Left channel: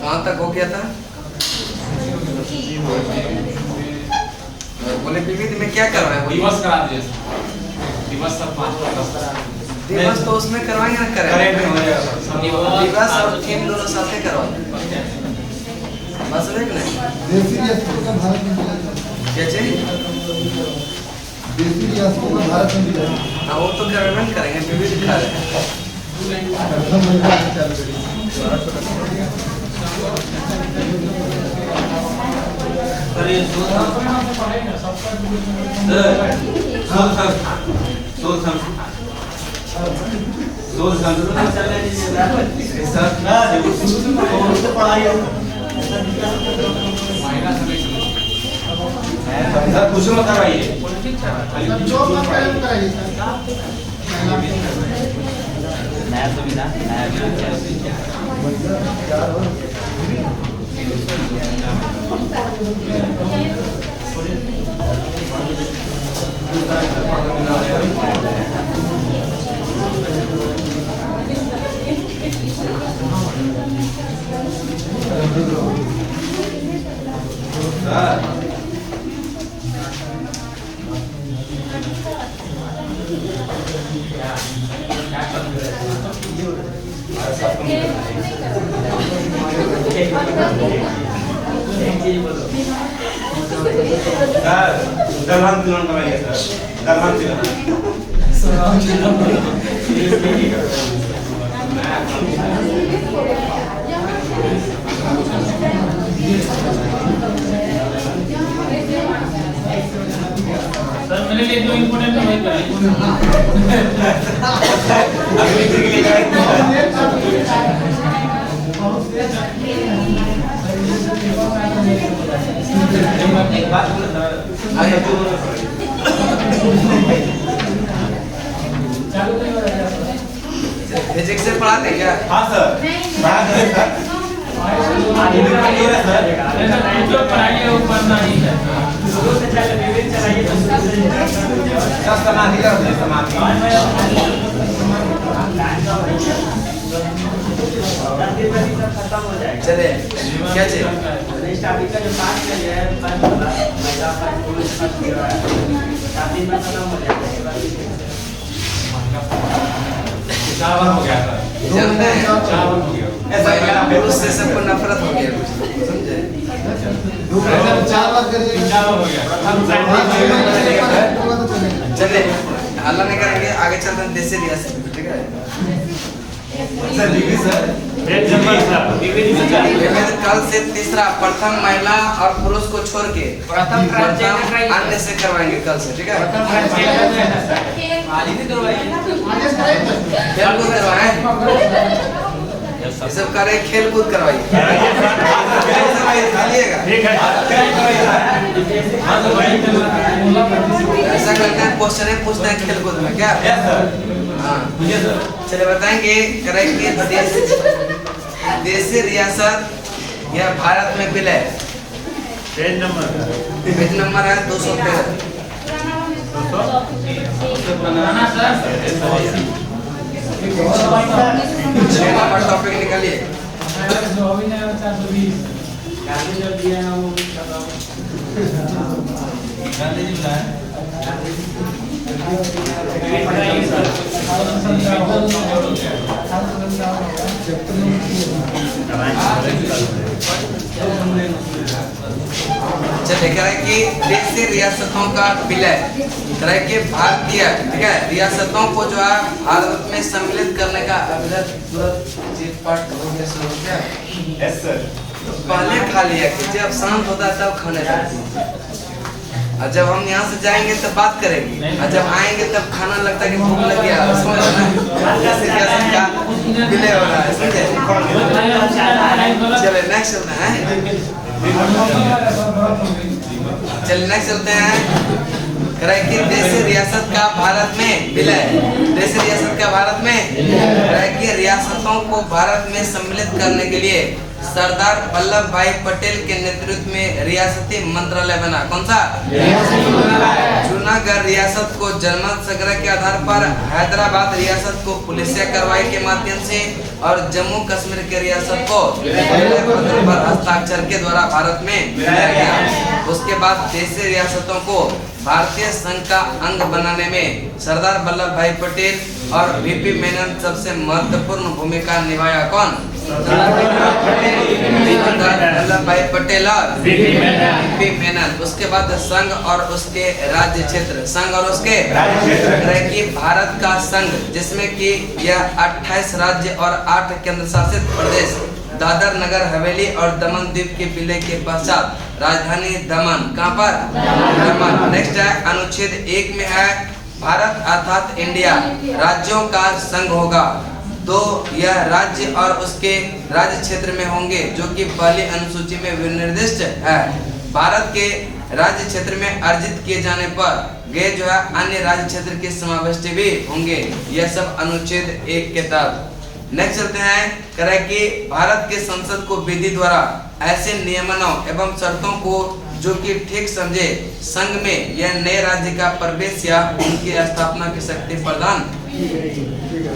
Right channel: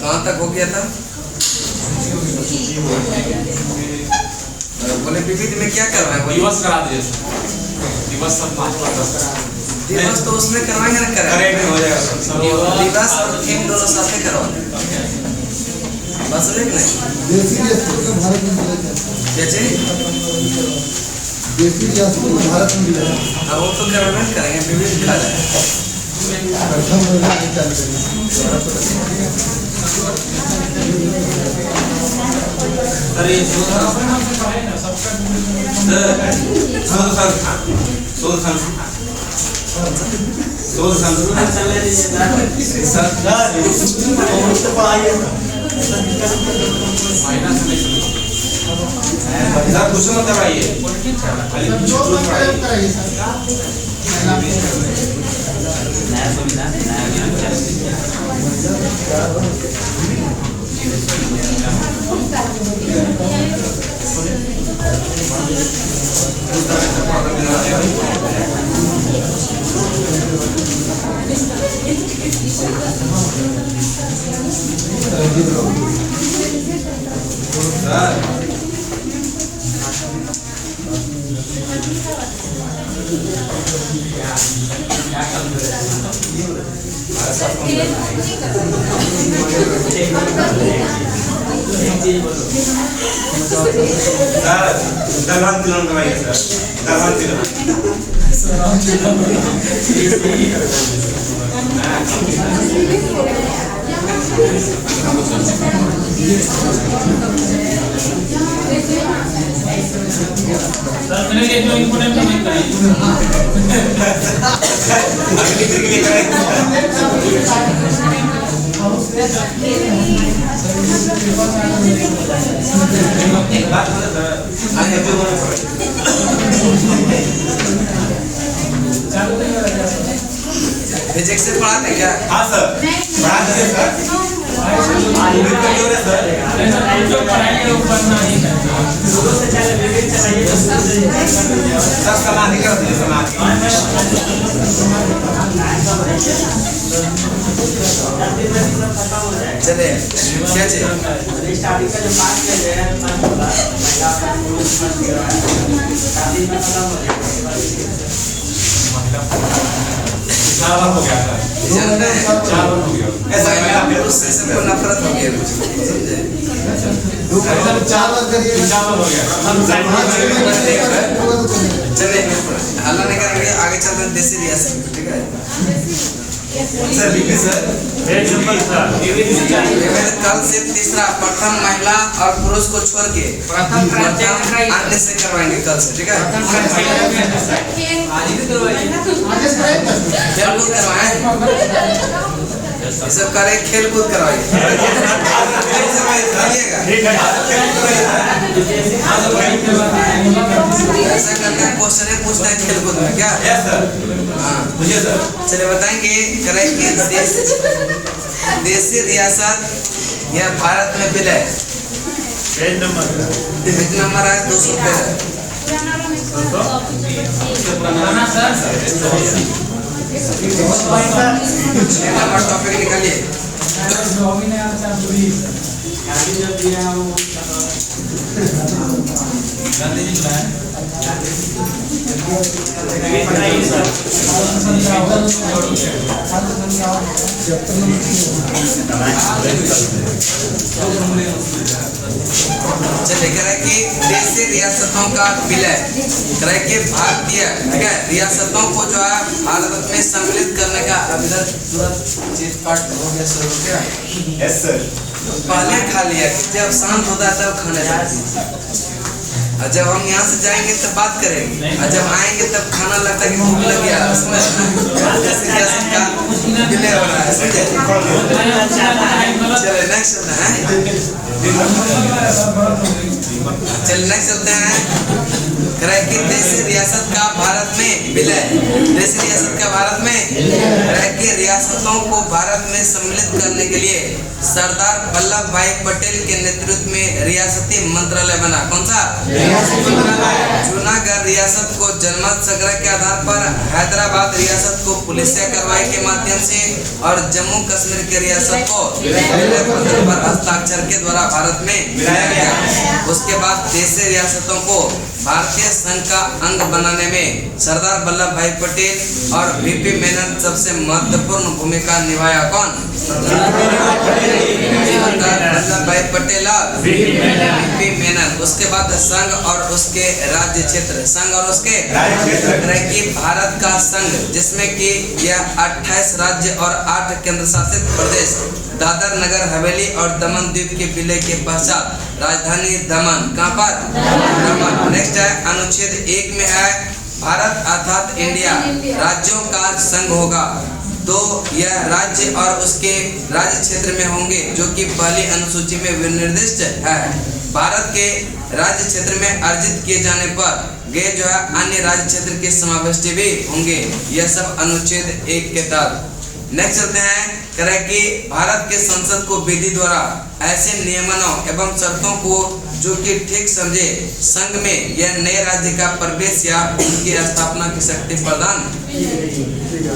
कहाँ तक हो गया था? बोले विविध में क्या करवाएं? दिवस करा दिए दिवस सब 5 दिवस तो उसमें करवाएंगे ना, करेंगे दिवस और थीम दोनों साथ में करवाएंगे बस एक नहीं क्या चाहिए भारत में मिला। हाँ वो तो करवाएंगे करेंगे विविध खा रहे हैं। कुछ मत करवाइए दरबार तिलक करवाइए सर, दरबार मैंने ले जो इम्पोर्टेंट है वही फिजिक्स से पढ़ाते क्या? हाँ सर चले क्या चाहिए? स्टार्टिंग का जो 5 पेज है 5 वाला महिला का पुरुष फर्स्ट गिरा है 4 दिन में खत्म हो जाएगा। 4 बार हो गया सर, जानते हैं 4 बार हो गया। महिला पुरुष से सबको नफरत हो गया कुछ लोग को, समझे? 4 बार करिए, 4 बार हो गया। चलिए हल्ला नहीं करेंगे, आगे चलते हैं देसी रियासत, ठीक है सर कल से तीसरा प्रथम महिला और पुरुष को छोड़ के प्रथम अन्य से करवाएंगे कल से, ठीक है? खेल कूद करवाएं, ये सब करे, खेल कूद करवाइए, ऐसा करना है, क्वेश्चन पूछना है खेल कूद में क्या? हाँ चलिए बताएंगे करेंगे देशी रियासत या भारत में विलय। पेज नंबर है 213। नंबर टॉपिक निकालिए। चलिए कह रहे कि देशी रियासतों का विलय करे कि भारतीय, ठीक है, रियासतों को जो है भारत में सम्मिलित करने का अभिधर तुरंत चीज पाठ हो गया, शुरू हो गया। यस सर, तो पहले खा लिया कि जब शांत होता है तब खाने जाते हैं, और जब हम यहाँ से जाएंगे तब बात करेंगे, और जब आएंगे तब खाना लगता है कि भूख लग गया, समझ रहे ना? जैसे रियासत का विलय हो रहा है, समझे? चले नेक्स्ट चलते हैं, चलिए नेक्स्ट चलते हैं। करे कि देशी रियासत का भारत में विलय, देशी रियासत का भारत में करे कि रियासतों को भारत में सम्मिलित करने के लिए सरदार वल्लभ भाई पटेल के नेतृत्व में रियासती मंत्रालय बना। कौन सा? जूनागढ़ रियासत को जनमत संग्रह के आधार पर, हैदराबाद रियासत को पुलिसिया कार्रवाई के माध्यम से और जम्मू कश्मीर के रियासत को विलय पत्र पर हस्ताक्षर के द्वारा भारत में मिलाया गया। उसके बाद देशी रियासतों को भारतीय संघ का अंग बनाने में सरदार वल्लभ भाई पटेल और वीपी मेनन सबसे महत्वपूर्ण भूमिका निभाया। कौन? सरदार वल्लभ भाई पटेल और वीपी मेनन। उसके बाद संघ और उसके राज्य क्षेत्र, संघ और उसके कि भारत का संघ जिसमें कि यह 28 राज्य और 8 केंद्र शासित प्रदेश, दादर नगर हवेली और दमन द्वीप के विलय के पश्चात राजधानी दमन, कहाँ पर? दमन। नेक्स्ट है अनुच्छेद 1 में है भारत अर्थात इंडिया राज्यों का संघ होगा, तो यह राज्य और उसके राज्य क्षेत्र में होंगे जो कि पहली अनुसूची में विनिर्दिष्ट है। भारत के राज्य क्षेत्र में अर्जित किए जाने पर गे जो है अन्य राज्य क्षेत्र के समाविष्ट भी होंगे। यह सब अनुच्छेद 1 के तहत। नेक्स्ट चलते हैं करें कि भारत के संसद को विधि द्वारा ऐसे नियमनों एवं शर्तों को जो कि ठीक समझे संघ में यह नए राज्य का प्रवेश या उनकी स्थापना की शक्ति प्रदान।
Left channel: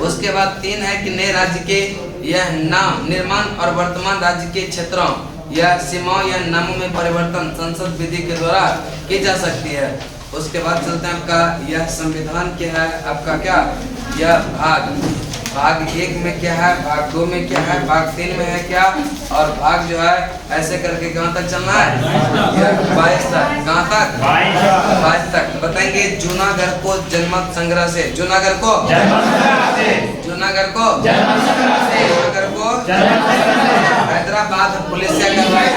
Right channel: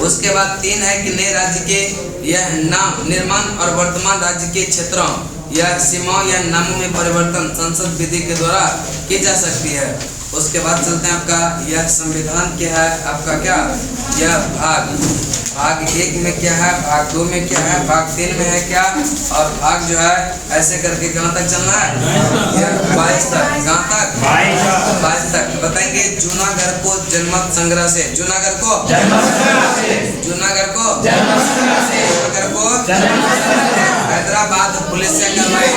उसके बाद 3 है कि नए राज्य के यह नाम निर्माण और वर्तमान राज्य के क्षेत्रों या सीमाओं या नामों में परिवर्तन संसद विधि के द्वारा की जा सकती है। उसके बाद चलते हैं आपका यह संविधान क्या है, आपका क्या यह भाग 1 में क्या है, भाग 2 में क्या है, भाग 3 में है क्या, और भाग जो है ऐसे करके कहाँ तक चलना है? यह 22 तक। कहाँ तक? 22 तक। बताएंगे जूनागढ़ को जनमत संग्रह से, जूनागढ़ को हैदराबाद पुलिसिया कार्रवाई,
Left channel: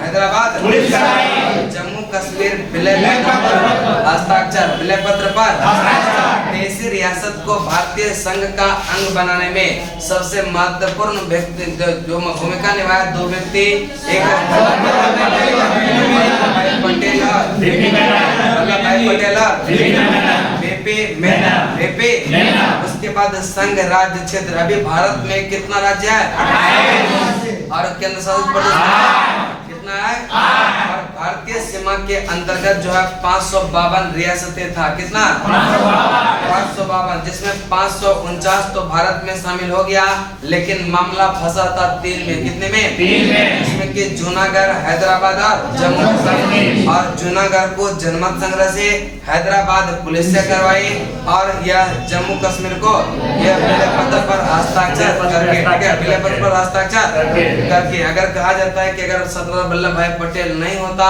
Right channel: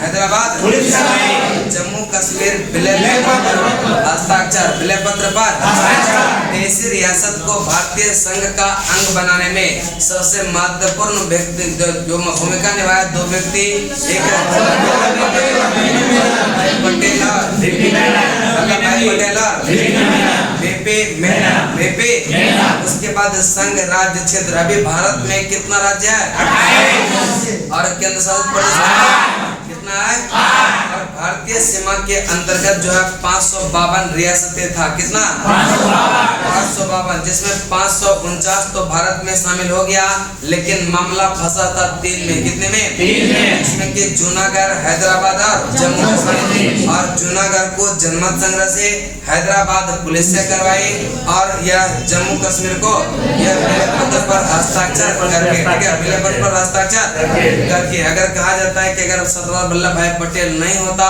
हैदराबाद जम्मू कश्मीर विलय हस्ताक्षर, विलय पत्र पर देशी रियासत को भारतीय संघ का अंग बनाने में सबसे महत्वपूर्ण व्यक्ति जो भूमिका निभाया 2 व्यक्ति, एक वल्लभ भाई पटेल और वीपी मेनन। उसके बाद संघ राज्य क्षेत्र, अभी भारत में कितना राज्य है और केंद्र शासित प्रदेश कितना है? और भारतीय सीमा के अंतर्गत जो है 552 रियासतें था। कितना? 552, जिसमें 549 तो भारत में शामिल हो गया, लेकिन मामला फंसा था 3 में। कितने में? 3 में। इसमें कि जूनागढ़, हैदराबाद और जम्मू कश्मीर। और जूनागढ़ को जनमत संग्रह से, हैदराबाद पुलिसिया कार्रवाई और यह जम्मू कश्मीर को यह विलय पत्र पर हस्ताक्षर करके, ठीक है, विलय पत्र पर हस्ताक्षर करके। अगर कहा जाता है कि अगर सरदार वल्लभ भाई पटेल नहीं होता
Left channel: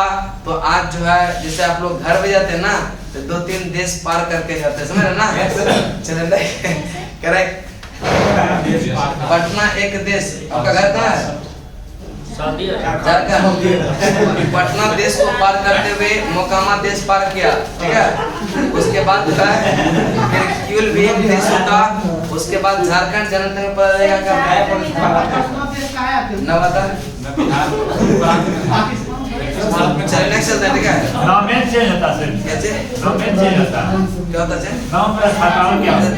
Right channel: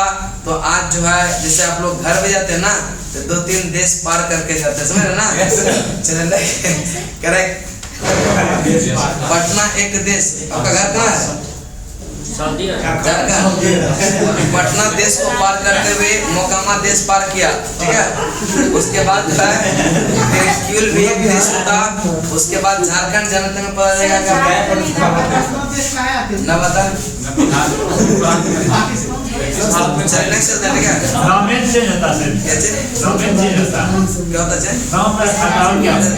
तो आज जो है जैसे आप लोग घर भी जाते हैं ना तो 2-3 देश पार करके जाते हैं, समझ रहे ना? चलिए करेक्ट। पटना एक देश, आपका घर कहाँ है? पटना देश को पार करते हुए मोकामा देश पार किया, ठीक है। उसके बाद जो है फिर क्यूल भी एक देश होता। उसके बाद झारखंड जनता में पता चलेगा ना, बता चलने से ठीक है।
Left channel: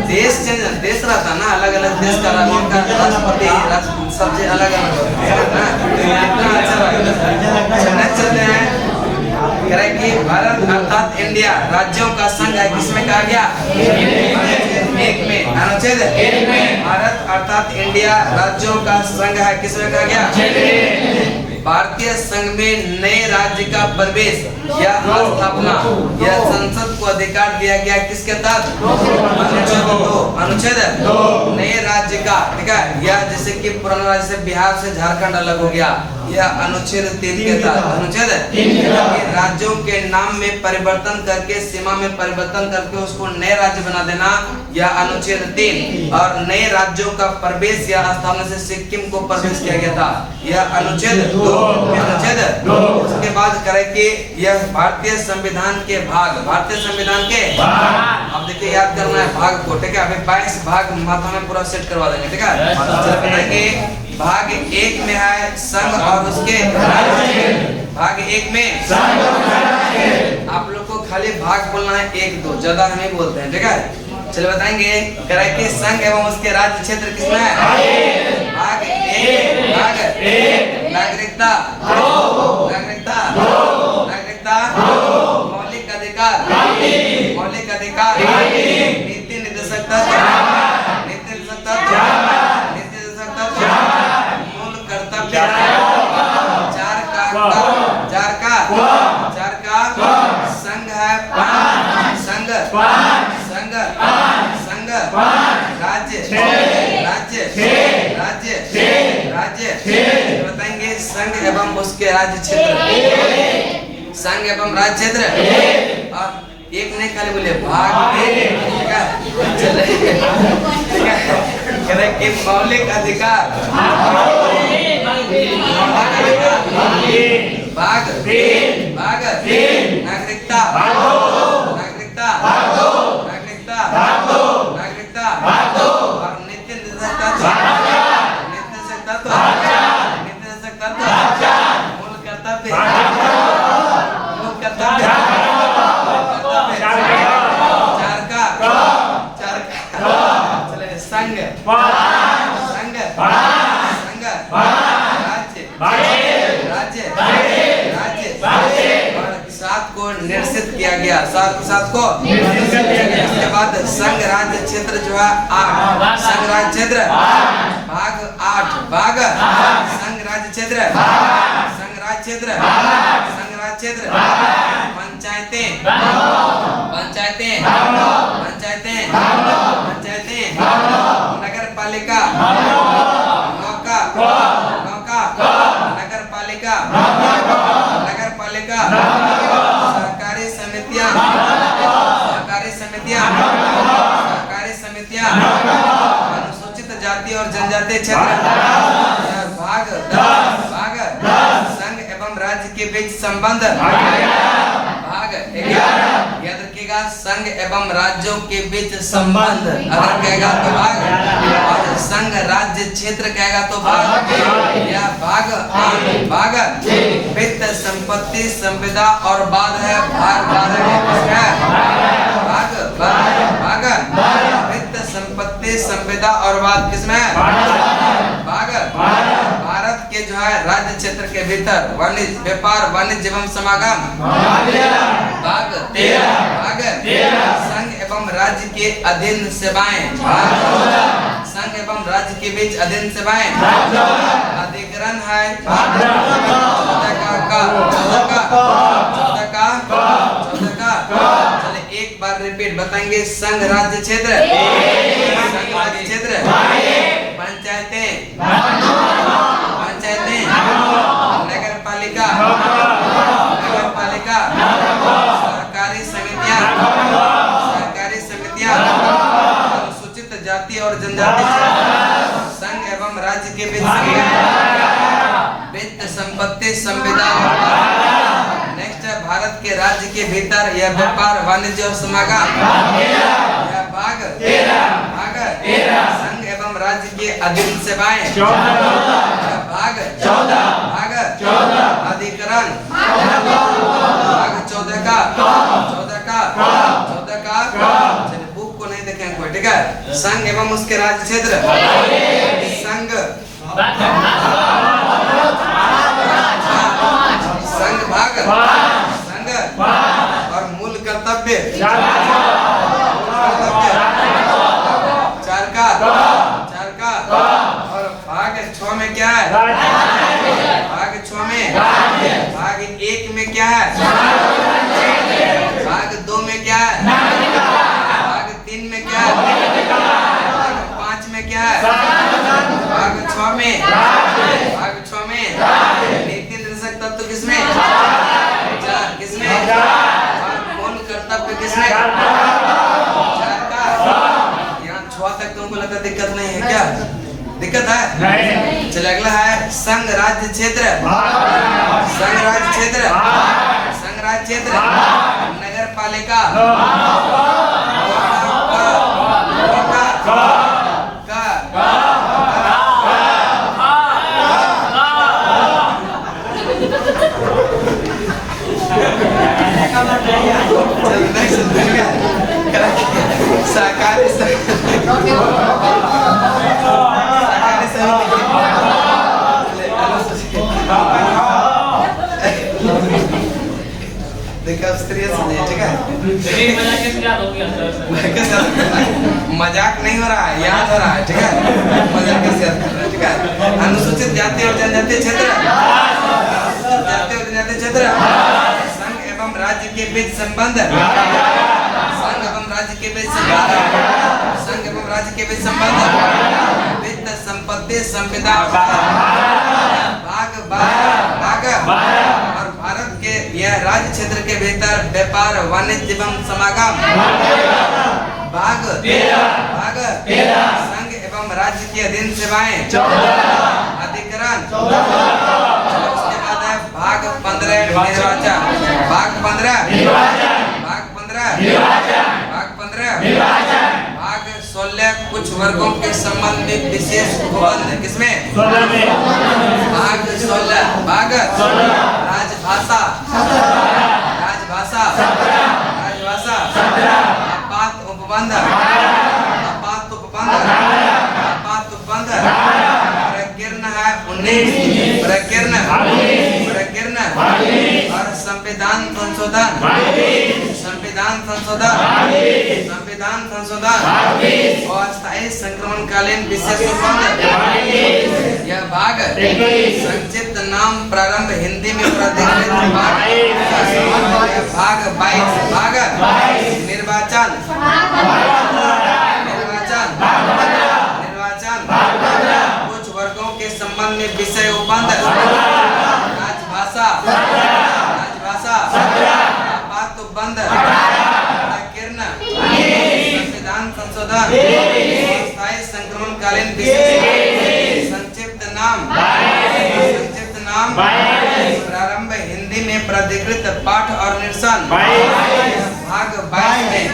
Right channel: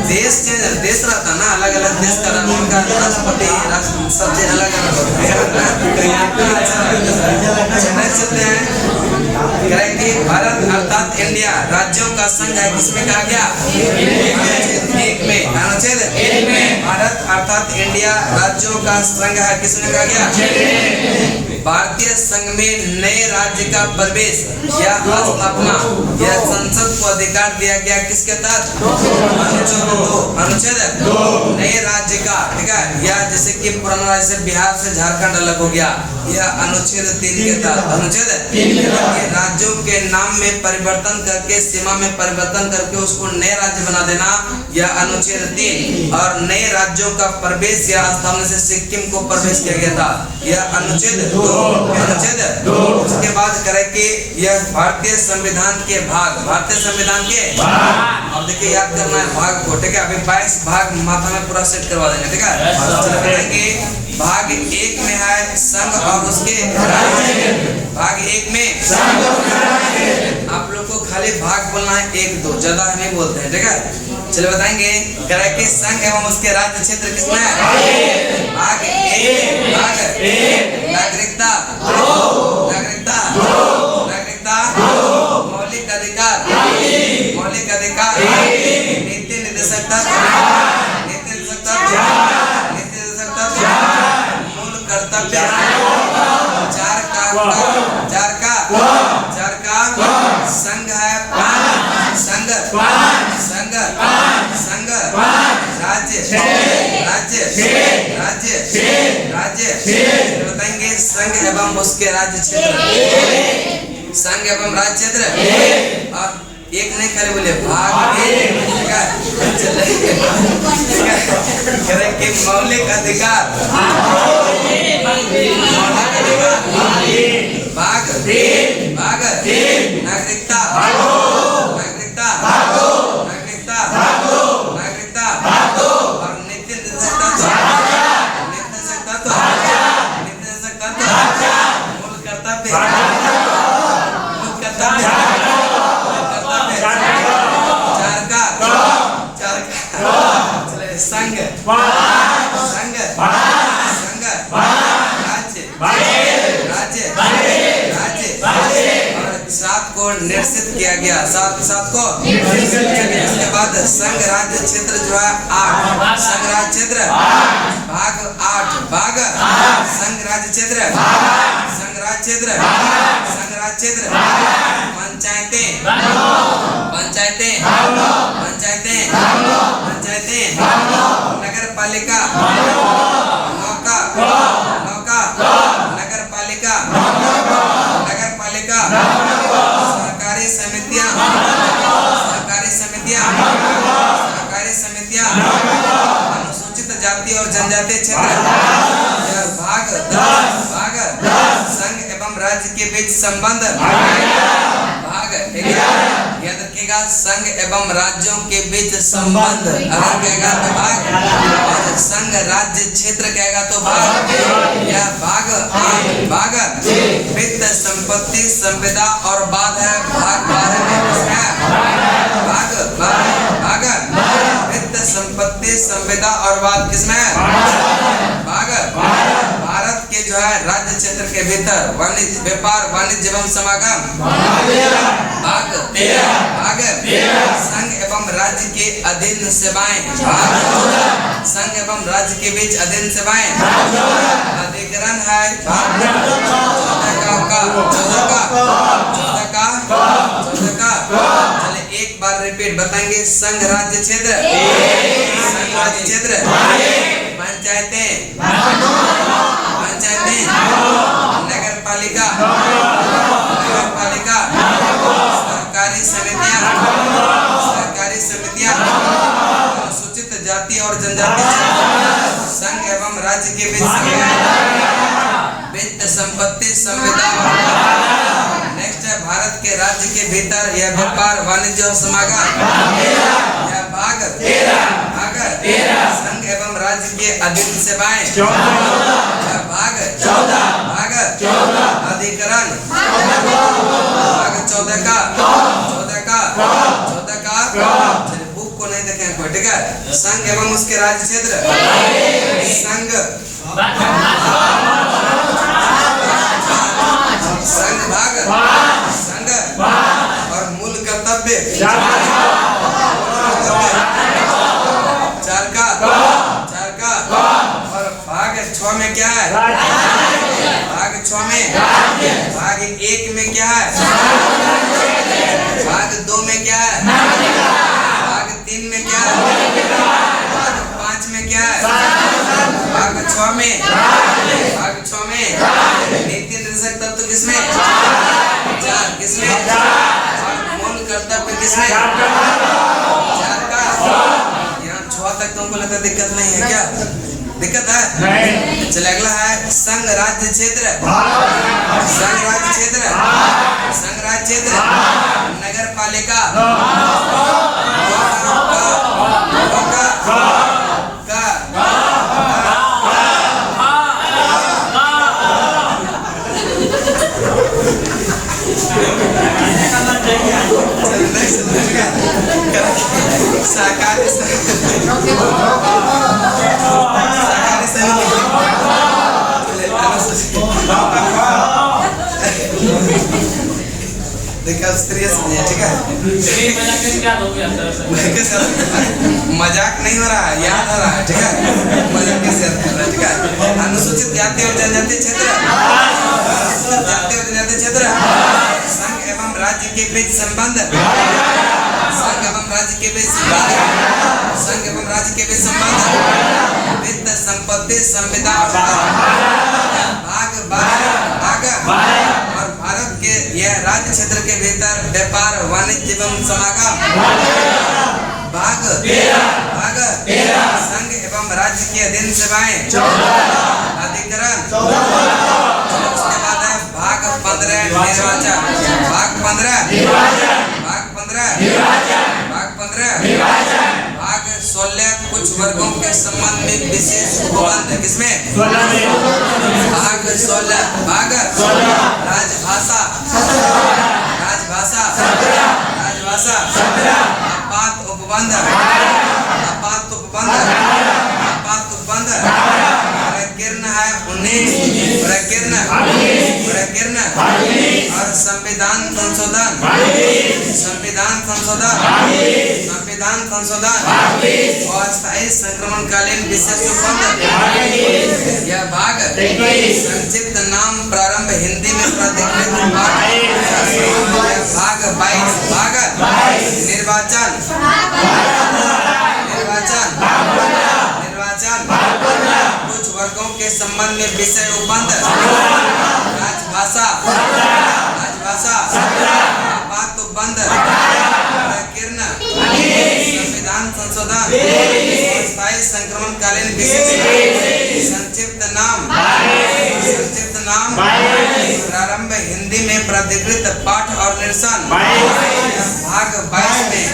देश चेंज, देश रहता ना, अलग अलग देश का उनका राष्ट्रपति सब चीज अलग अलग होता है। चलते हैं करेंगे भारत अर्थात इंडिया राज्यों का संघ है, किसमें कहा गया? एक में, अनुच्छेद 1 में भारत अर्थात इंडिया राज्यों का संघ है, किसमें कहा गया? भारतीय संघ में नए राज्य का प्रवेश या स्थापना या संसद को अधिकार दिया गया, किसके तहत? अनुच्छेद 2 नए राज्य का, ठीक है। या जैसे कि पुराना राज्य से बिहार से झारखंड अलग हो गया, यह अनुच्छेद 3 के तहत। अनुच्छेद 3 राज्यों के नाम में परिवर्तन करके, सीमा में परिवर्तन करके उसको नए राज्य बना देना, यह अनुच्छेद 3। और नए राज्यों का प्रवेश या स्थापना से सिक्किम को प्रवेश किया गया था, यह अनुच्छेद 2। अनुच्छेद 2। उसके बाद करें कि यह भारतीय संविधान के भाग, भारतीय संविधान के अब देखिए याद करना है भाग को, ठीक है। अभी 22 भाग माथा में पूरा सेट करवा देंगे, ठीक है। चलिए बताएंगे भाग 1 में है संघ और उसके राज्य, भाग 1 में आप लोग को खाली भाग बोलना है 1 2, ज्यादा हम ही बोलते हैं, ठीक है। चलो बताएंगे कराए के संघ एवं उसके राज्य क्षेत्र किसमें है? भाग 1 भाग नागरिकता नागरिकता नागरिकता मौलिक अधिकार मौलिक अधिकार नीति निर्देशक तत्व नीति निर्देशक तत्व नीति निर्देशक तत्व मूल कर्तव्य चार का संघ है संघ संघ संघ राज्य राज्य राज्य राज्य बताएंगे संघ एवं उसके राज्य क्षेत्र संघ एवं राज्य क्षेत्र और एक नहीं खाली बोले भाग 1 ठीक है। चले ठीक है कि मौलिक अधिकार भाग भाग नागरिकता नागरिकता नागरिकता नागरिकता और नीति निर्देशक तत्व मूल कर्तव्य संघ संघ संघ राज्य राज्य राज्य और 7 को निर्देशित किया गया 7 को इसके बाद संघ राज्य क्षेत्र जो है 8 संघ राज्य क्षेत्र भाग 8 भाग संघ राज्य क्षेत्र संघ राज्य क्षेत्र संघ राज्य क्षेत्र पंचायतें पंचायतें पंचायतें पंचायतें नगर पालिका नौका नौका नगर पालिका नगर पालिका सहकारी समितियां सहकारी समितियां सहकारी समितियां अनुसूचित जाति और जनजातीय क्षेत्र भाग 10 संघ एवं राज्य के बीच संबंध भाग 11 याद रखिएगा संघ एवं राज्यों के बीच संबंध अगर कहेगा तो भाग और संघ राज्य क्षेत्र कहेगा तो भाग यह भाग 8 भाग वित्त संपत्ति संविदा और बाद है भाग 12 में किसका भाग भाग वित्त संपत्ति संविदा और बाद किसमें भाग भारत के जो है राज्य क्षेत्र के भीतर वाणिज्य व्यापार वाणिज्य एवं समागम भाग 13 संघ एवं राज्य के अधीन सेवाएं भाग संघ एवं राज्य के बीच अधीन सेवाएं अधिकरण है भाग 14 का चले एक बार रिपीट बताएंगे संघ राज्य क्षेत्र पंचायतें पंचायतें नगर पालिका सहकारी समितियां अनुसूचित जाति और जनजाति संघ एवं राज्य के बीच वित्त संपत्ति संविदा नेक्स्ट है भारत के राज्य के भीतर यह व्यापार वाणिज्य और समागम यह भाग 13 संघ एवं राज्य के अधीन सेवाएं भाग 14 अधिकरण भाग 14 का चलिए बुक को नहीं देखें कोई ठीक है। संघ एवं उसके राज्य क्षेत्र संघ संघ भाग संघ और मूल कर्तव्य 4 का और भाग 6 में क्या है भाग 6 में भाग 1 में क्या है भाग 2 में क्या है भाग 3 में क्या है भाग 5 में क्या है भाग 6 में नीति निर्देशक तत्व किसमें 4 किसमें और मूल कर्तव्य किसमें 4 का यहाँ 6 तक तुमको लगता दिक्कत नहीं है क्या दिक्कत है नहीं। चलिए अगला है संघ राज्य क्षेत्र नगर पालिका देखा स्त्रियाँ समझे, ठीक है? नहीं मजाक कैसे याद हो गया सर? मैं कैसे याद कर रहा है? मजाक नहीं हो रहा है, याद हो रहा है, ठीक है? मजाक कैसे याद कर रहा है, ठीक है? अनुसूचित जाति और जनजाति क्षेत्र, अनुसूचित जाति और जनजाति क्षेत्र, संघ एवं राज्य के बीच संबंध, संघ एवं राज्य के बीच संबंध, संघ एवं राज्य के बीच संबंध, वित्त संपत्ति संविदा भाग और भारत के यह राज्य क्षेत्र के भीतर व्यापार वाणिज्य एवं समागम भाग संघ एवं राज्य के अधीन सेवाएं अधिकरण। उसके बाद है भाग 15 निर्वाचन, भाग 15 16 कुछ वर्गों के संबंध में विशेष उपबंध। किसमें? भाग 16 राजभाषा आपात उपबंध प्रकीर्ण है 19 और संविधान संशोधन और अस्थायी संक्रमणकालीन विशेष उपबंध। यह भाग संक्षिप्त नाम प्रारंभ हिंदी में प्राधिकृत पाठ। भाग 22 निर्वाचन कुछ वर्गों के संबंध में विषय उपबंध। राजभाषा आपात उपबंध प्रकीर्ण संविधान संशोधन अस्थायी संक्रमणकालीन विशेष संक्षिप्त नाम प्रारंभ हिंदी में प्राधिकृत पाठ और निरसन। भाग 22 में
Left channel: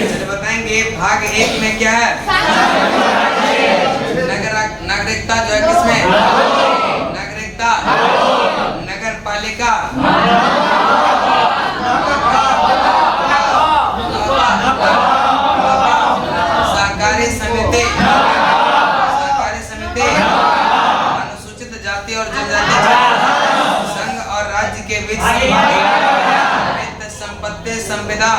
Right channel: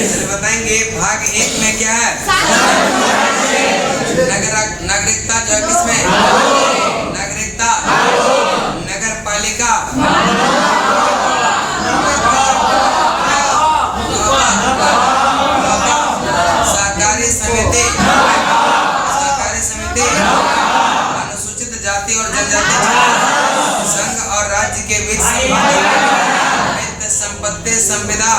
चलिए बताएंगे। भाग 1 में क्या है? नागरिकता जो है किसमें? नागरिकता नगर पालिका सहकारी समिति अनुसूचित जाति और जनजाति संघ और राज्य के बीच वित्त संपत्ति संविदा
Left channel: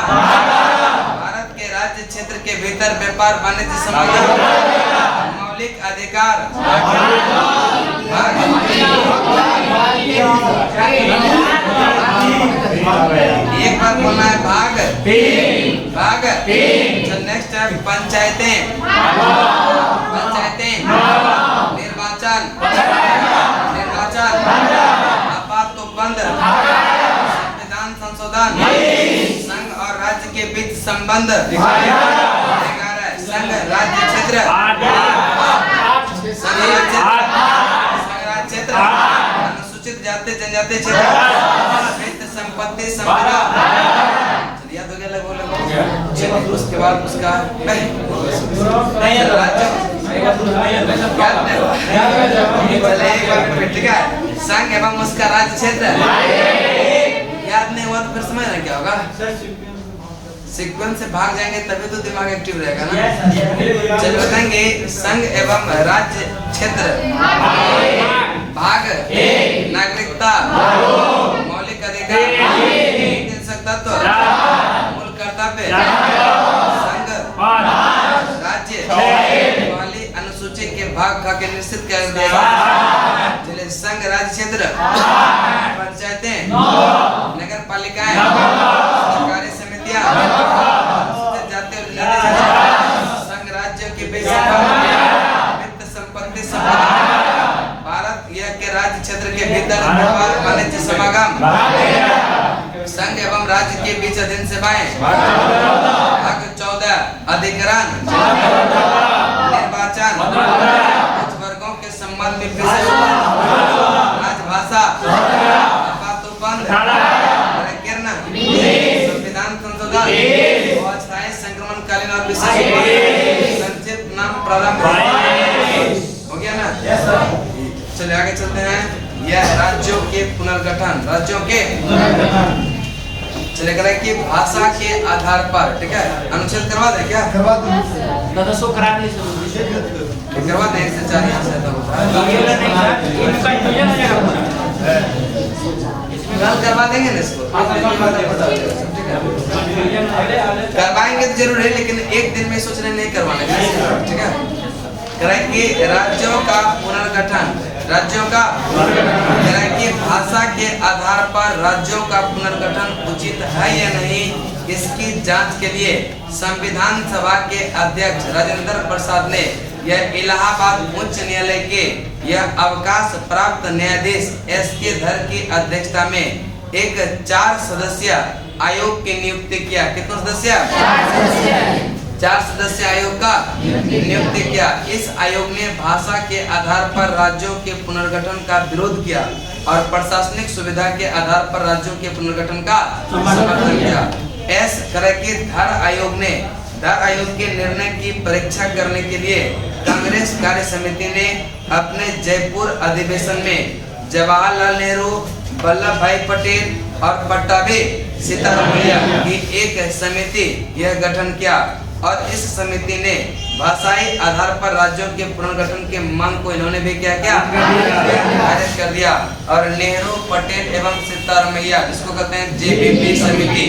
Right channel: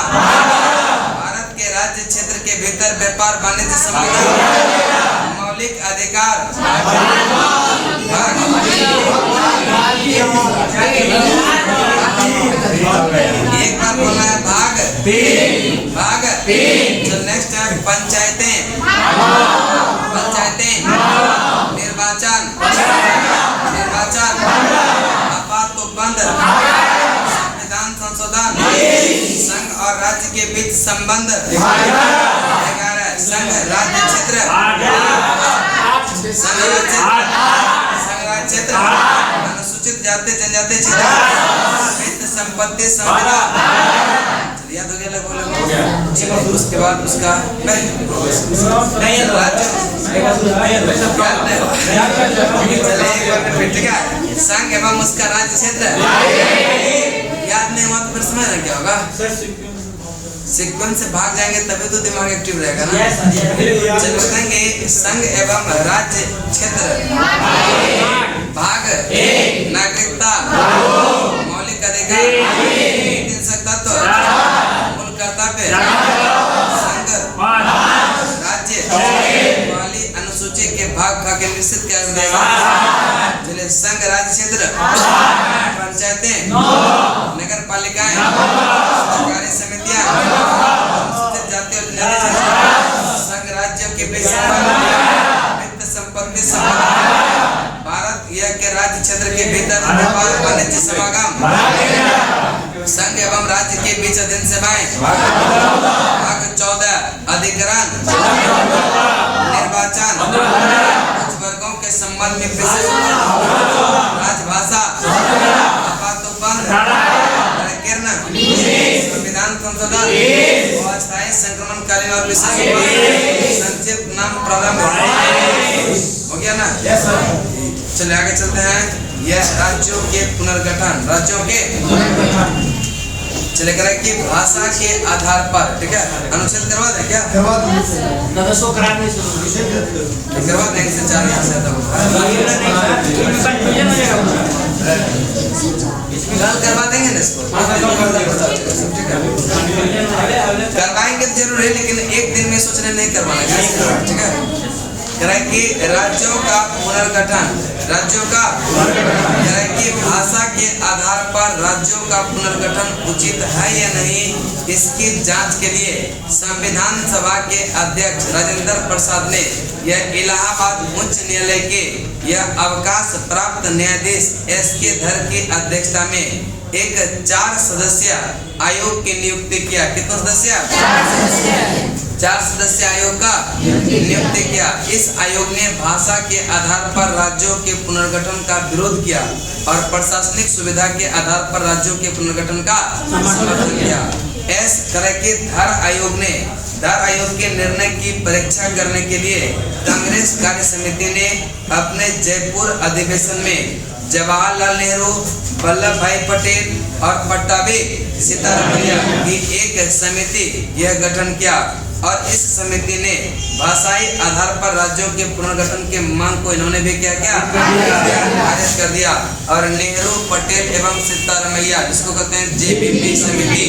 भारत के राज्य क्षेत्र के भीतर व्यापार वाणिज्य समागम मौलिक अधिकार। एक बार बोलना है भाग। तो नेक्स्ट है पंचायतें निर्वाचन आपात उपबंध संविधान संशोधन संघ और राज्य के बीच संबंध। संघ राज्य क्षेत्र अनुसूचित जाति जनजाति क्षेत्र वित्त संपत्ति संविदा। याद हो गया लगभग। चलिए उसके बाद उसका ठीक है। संघ एवं उसका राज्य क्षेत्र याद नहीं हुआ तो फिर समझना क्या होगा? सीक्वेंस से भाग जाएंगे तभी तो दिमाग एक्टिव रहेगा ना। चलिए बताएंगे संघ एवं राज्य क्षेत्र भाग नागरिकता मौलिक अधिकार तत्व मूल कर्तव्य संघ राज्य वाली अनुसूची के भाग का निश्चित कर देगा। चलिए संघ राज्य क्षेत्र पंचायतें नगर पालिकाएं सरकारी समितियां अनुसूचित जाति और जनजाति संघ राज्य के बीच वित्त संपत्ति भारत यह के राज्य क्षेत्र के भीतर व्यापार वाणिज्य समागम संघ एवं राज्य के बीच अधीन सेवाएं। भाग 14 अधिकरण निर्वाचन कुछ वर्गों के संबंध में विशेष राजभाषा आपात उपबंध प्रकीर्ण संविधान संशोधन और अस्थायी संक्रमणकालीन और विशेष संक्षिप्त नाम प्रारंभ हो गया ना। चलिए आगे चलते हैं। यह राज्यों के पुनर्गठन चले करें कि भाषा के आधार पर, ठीक है, अनुच्छेद करवा दें क्या? करवा दीजिए। करवा दें से 4 यहाँ से होता है। कल करवा देंगे। करवाएंगे ना इसको, एक दिन में पता पता हो जाएगा सब, ठीक है। करवाएंगे तो जरूर है, लेकिन एक दिन में सोच रहे नहीं करवाना, ठीक है। कि राज्यों का पुनर्गठन, राज्यों का कि भाषा के आधार पर राज्यों का पुनर्गठन उचित है या नहीं, इसकी जांच के लिए संविधान सभा के अध्यक्ष राजेंद्र प्रसाद ने यह इलाहाबाद उच्च न्यायालय के यह अवकाश प्राप्त न्यायाधीश SK धर की अध्यक्षता में एक 4 सदस्यीय आयोग की नियुक्ति किया। कितने सदस्य? 4 सदस्य आयोग का नियुक्ति किया। इस आयोग ने भाषा के आधार पर राज्यों के पुनर्गठन का विरोध किया और प्रशासनिक सुविधा के आधार पर राज्यों के पुनर्गठन का समर्थन किया। धर आयोग के निर्णय की परीक्षा करने के लिए कांग्रेस कार्य समिति ने अपने जयपुर अधिवेशन में जवाहरलाल नेहरू, वल्लभ भाई पटेल और पट्टाभी सीतारामैया की एक समिति यह गठन किया और इस समिति ने भाषाई आधार पर राज्यों के पुनर्गठन के मांग को इन्होंने भी क्या खारिज कर दिया। और नेहरू, पटेल एवं सीतारामैया, जिसको कहते हैं JPP समिति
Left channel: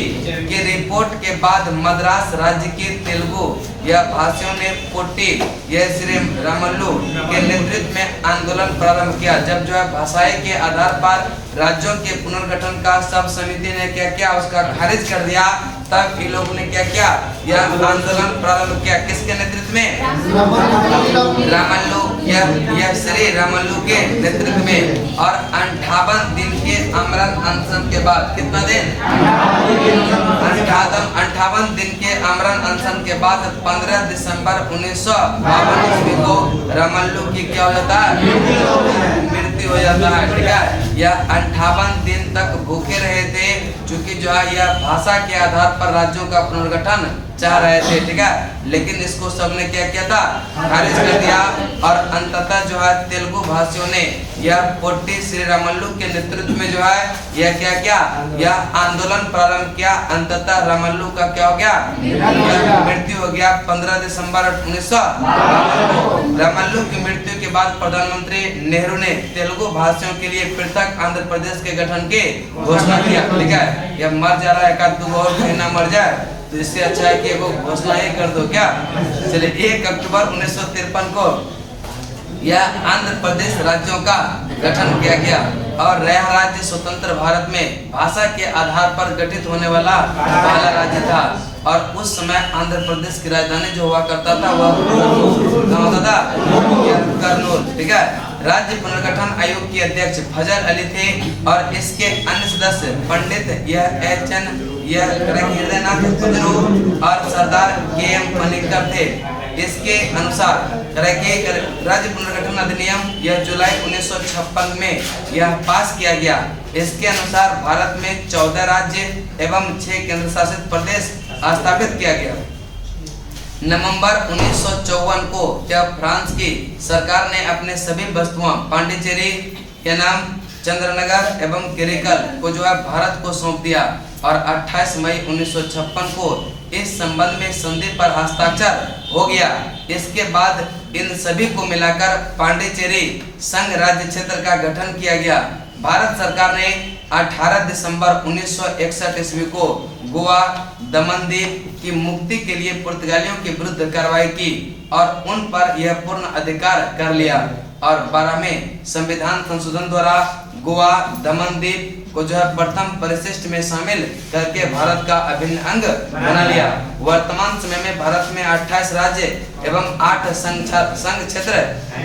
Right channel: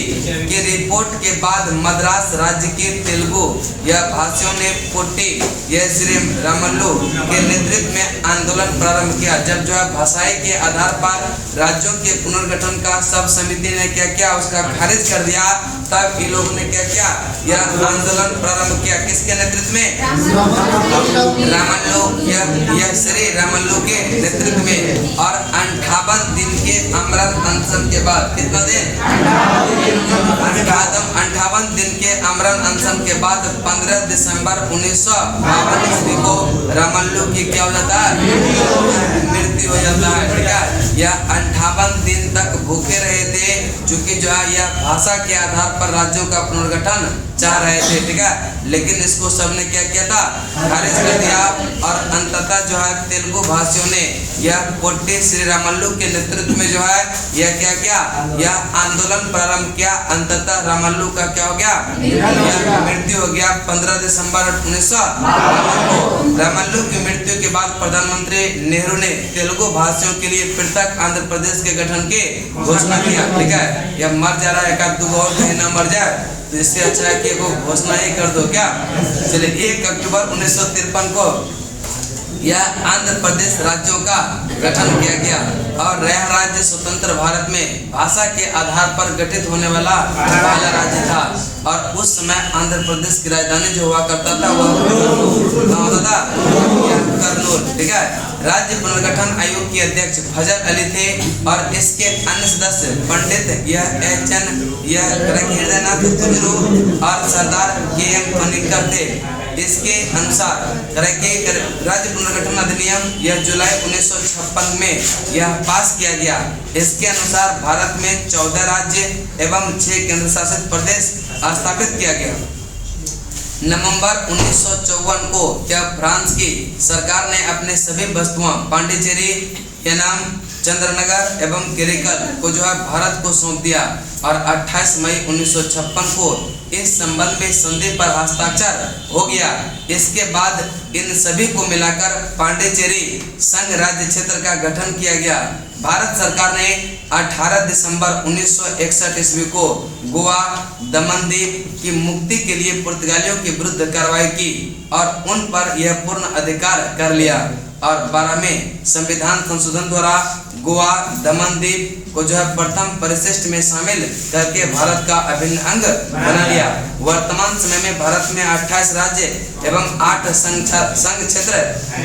की रिपोर्ट के बाद मद्रास राज्य के तेलुगु या भाषियों ने पोट्टी श्री रामल्लू के नेतृत्व में आंदोलन प्रारंभ किया। जब जो है भाषाई के आधार पर राज्यों के पुनर्गठन का सब समिति ने क्या किया, उसका खारिज कर दिया, तब इन लोग ने क्या किया, यह आंदोलन प्रारंभ किया। किसके नेतृत्व में? रामल्लू, यह श्री रामल्लू के नेतृत्व में। और 58 दिन के आमरण अनशन के बाद, कितना दिन? 58 दिन के आमरण अनशन के बाद 15 दिसंबर 1952 ईस्वी को रामल्लू की क्या हो जाता है? मृत्यु हो जाता है, ठीक है। यह 58 दिन तक भूखे रहे थे, चूंकि जो है यह भाषा के आधार पर राज्यों का पुनर्गठन चाह रहे थे, ठीक है। लेकिन इसको सबने क्या किया था? खारिज कर दिया। और अंततः जो है तेलुगु भाषियों ने यह पोट्टी श्री रामल्लू के नेतृत्व में जो है यह क्या किया, यह आंदोलन प्रारंभ किया। अंततः रामल्लू का क्या हो गया? यह मृत्यु हो गया 15 दिसंबर 1952 को। रामल्लू की मृत्यु के बाद प्रधानमंत्री नेहरू ने तेलुगु भाषियों के लिए पृथक आंध्र प्रदेश के गठन की घोषणा किया, ठीक है। यह मर जा रहा है, 1-2 और कहीं ना मर जाए, तो इससे अच्छा है कि वो घोषणा ही कर दो क्या। चलिए 1 अक्टूबर 1953 को यह आंध्र प्रदेश राज्यों का गठन किया गया और यह राज्य स्वतंत्र भारत में भाषा के आधार पर गठित होने वाला पहला राज्य था। और उस समय आंध्र प्रदेश की राजधानी जो हुआ करता था वह कर्नूल, ठीक है। राज्य पुनर्गठन आयोग के अध्यक्ष फजल अली थे और इसके अन्य सदस्य पंडित हृदयनाथ कुजरू और सरदार KM पनिक्कर थे। इसके अनुसार राज्य पुनर्गठन अधिनियम यह जुलाई 1956 में यह पास किया गया। इसके अनुसार भारत में 14 राज्य एवं 6 केंद्र शासित प्रदेश स्थापित किया गया। नवंबर 1954 को जब फ्रांस की सरकार ने अपने सभी वस्तुओं पांडिचेरी, येनाम, चंद्रनगर एवं केरिकल को जो है भारत को सौंप दिया और 28 मई 1956 को इस संबंध में संधि पर हस्ताक्षर हो गया। इसके बाद इन सभी को मिलाकर पांडिचेरी संघ राज्य क्षेत्र का गठन किया गया। भारत सरकार ने 18 दिसंबर 1961 ईस्वी को गोवा, दमनदीप की मुक्ति के लिए पुर्तगालियों के विरुद्ध कार्रवाई की और उन पर यह पूर्ण अधिकार कर लिया। और 12वें संविधान संशोधन द्वारा गोवा, दमनदीप को जो है प्रथम परिशिष्ट में शामिल करके भारत का अभिन्न अंग बना लिया। वर्तमान समय में भारत में 28 राज्य एवं 8 संघ क्षेत्र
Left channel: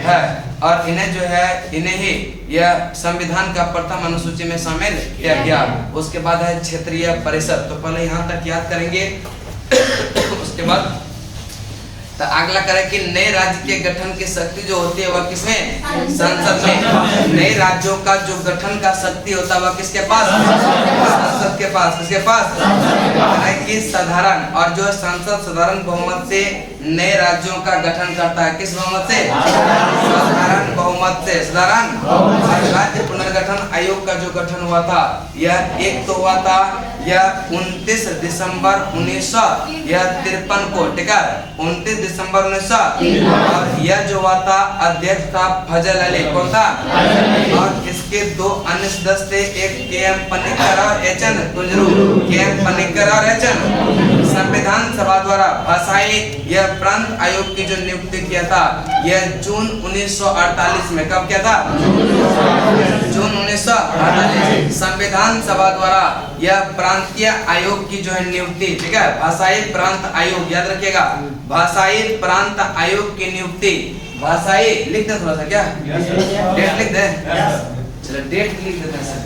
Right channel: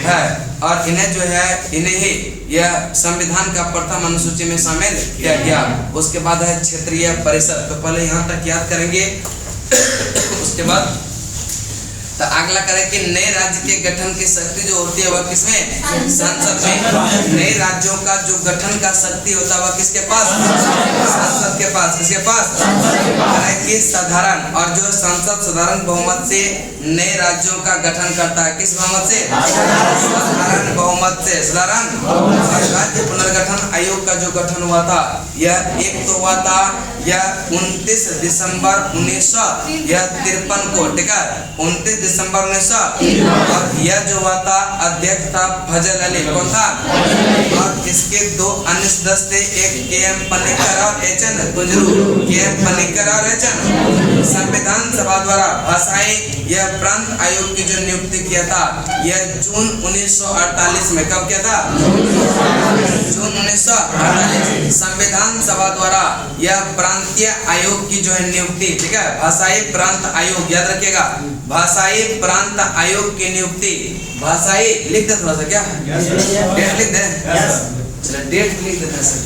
है और इन्हें जो है इन्हें ही यह संविधान का प्रथम अनुसूची में शामिल किया गया। उसके बाद है क्षेत्रीय परिषद। तो पहले यहाँ तक याद करेंगे उसके बाद तो अगला करें कि नए राज्य के गठन की शक्ति जो होती है वह किसमें? संसद में। नए राज्यों का जो गठन का शक्ति होता है वह किसके पास? संसद के पास। किसके पास? कि साधारण और जो संसद साधारण बहुमत से नए राज्यों का गठन करता है। किस बहुमत से? साधारण बहुमत से। साधारण और राज्य पुनर्गठन आयोग का जो गठन हुआ था यह एक तो हुआ था यह 29 दिसंबर 1953 को, ठीक है, 29 दिसंबर 1900। और यह जो हुआ था अध्यक्ष था फजल अली, कौन था? और इसके दो अन्य सदस्य थे, एक के.एम. पनिक्कर और एच.एन. गुजरू। के.एम. पनिक्कर और एच.एन. संविधान सभा द्वारा भाषाई यह प्रांत आयोग की जो नियुक्ति किया था यह जून 1948 में, कब किया था? जून 1948। संविधान सभा द्वारा यह प्रांतीय आयोग की जो है नियुक्ति, ठीक है, भाषाई प्रांत आयोग, याद रखिएगा, भाषाई प्रांत आयोग की नियुक्ति। भाषाई लिख दे थोड़ा सा, क्या डेट लिख दे? चलो डेट लिख देते हैं सर।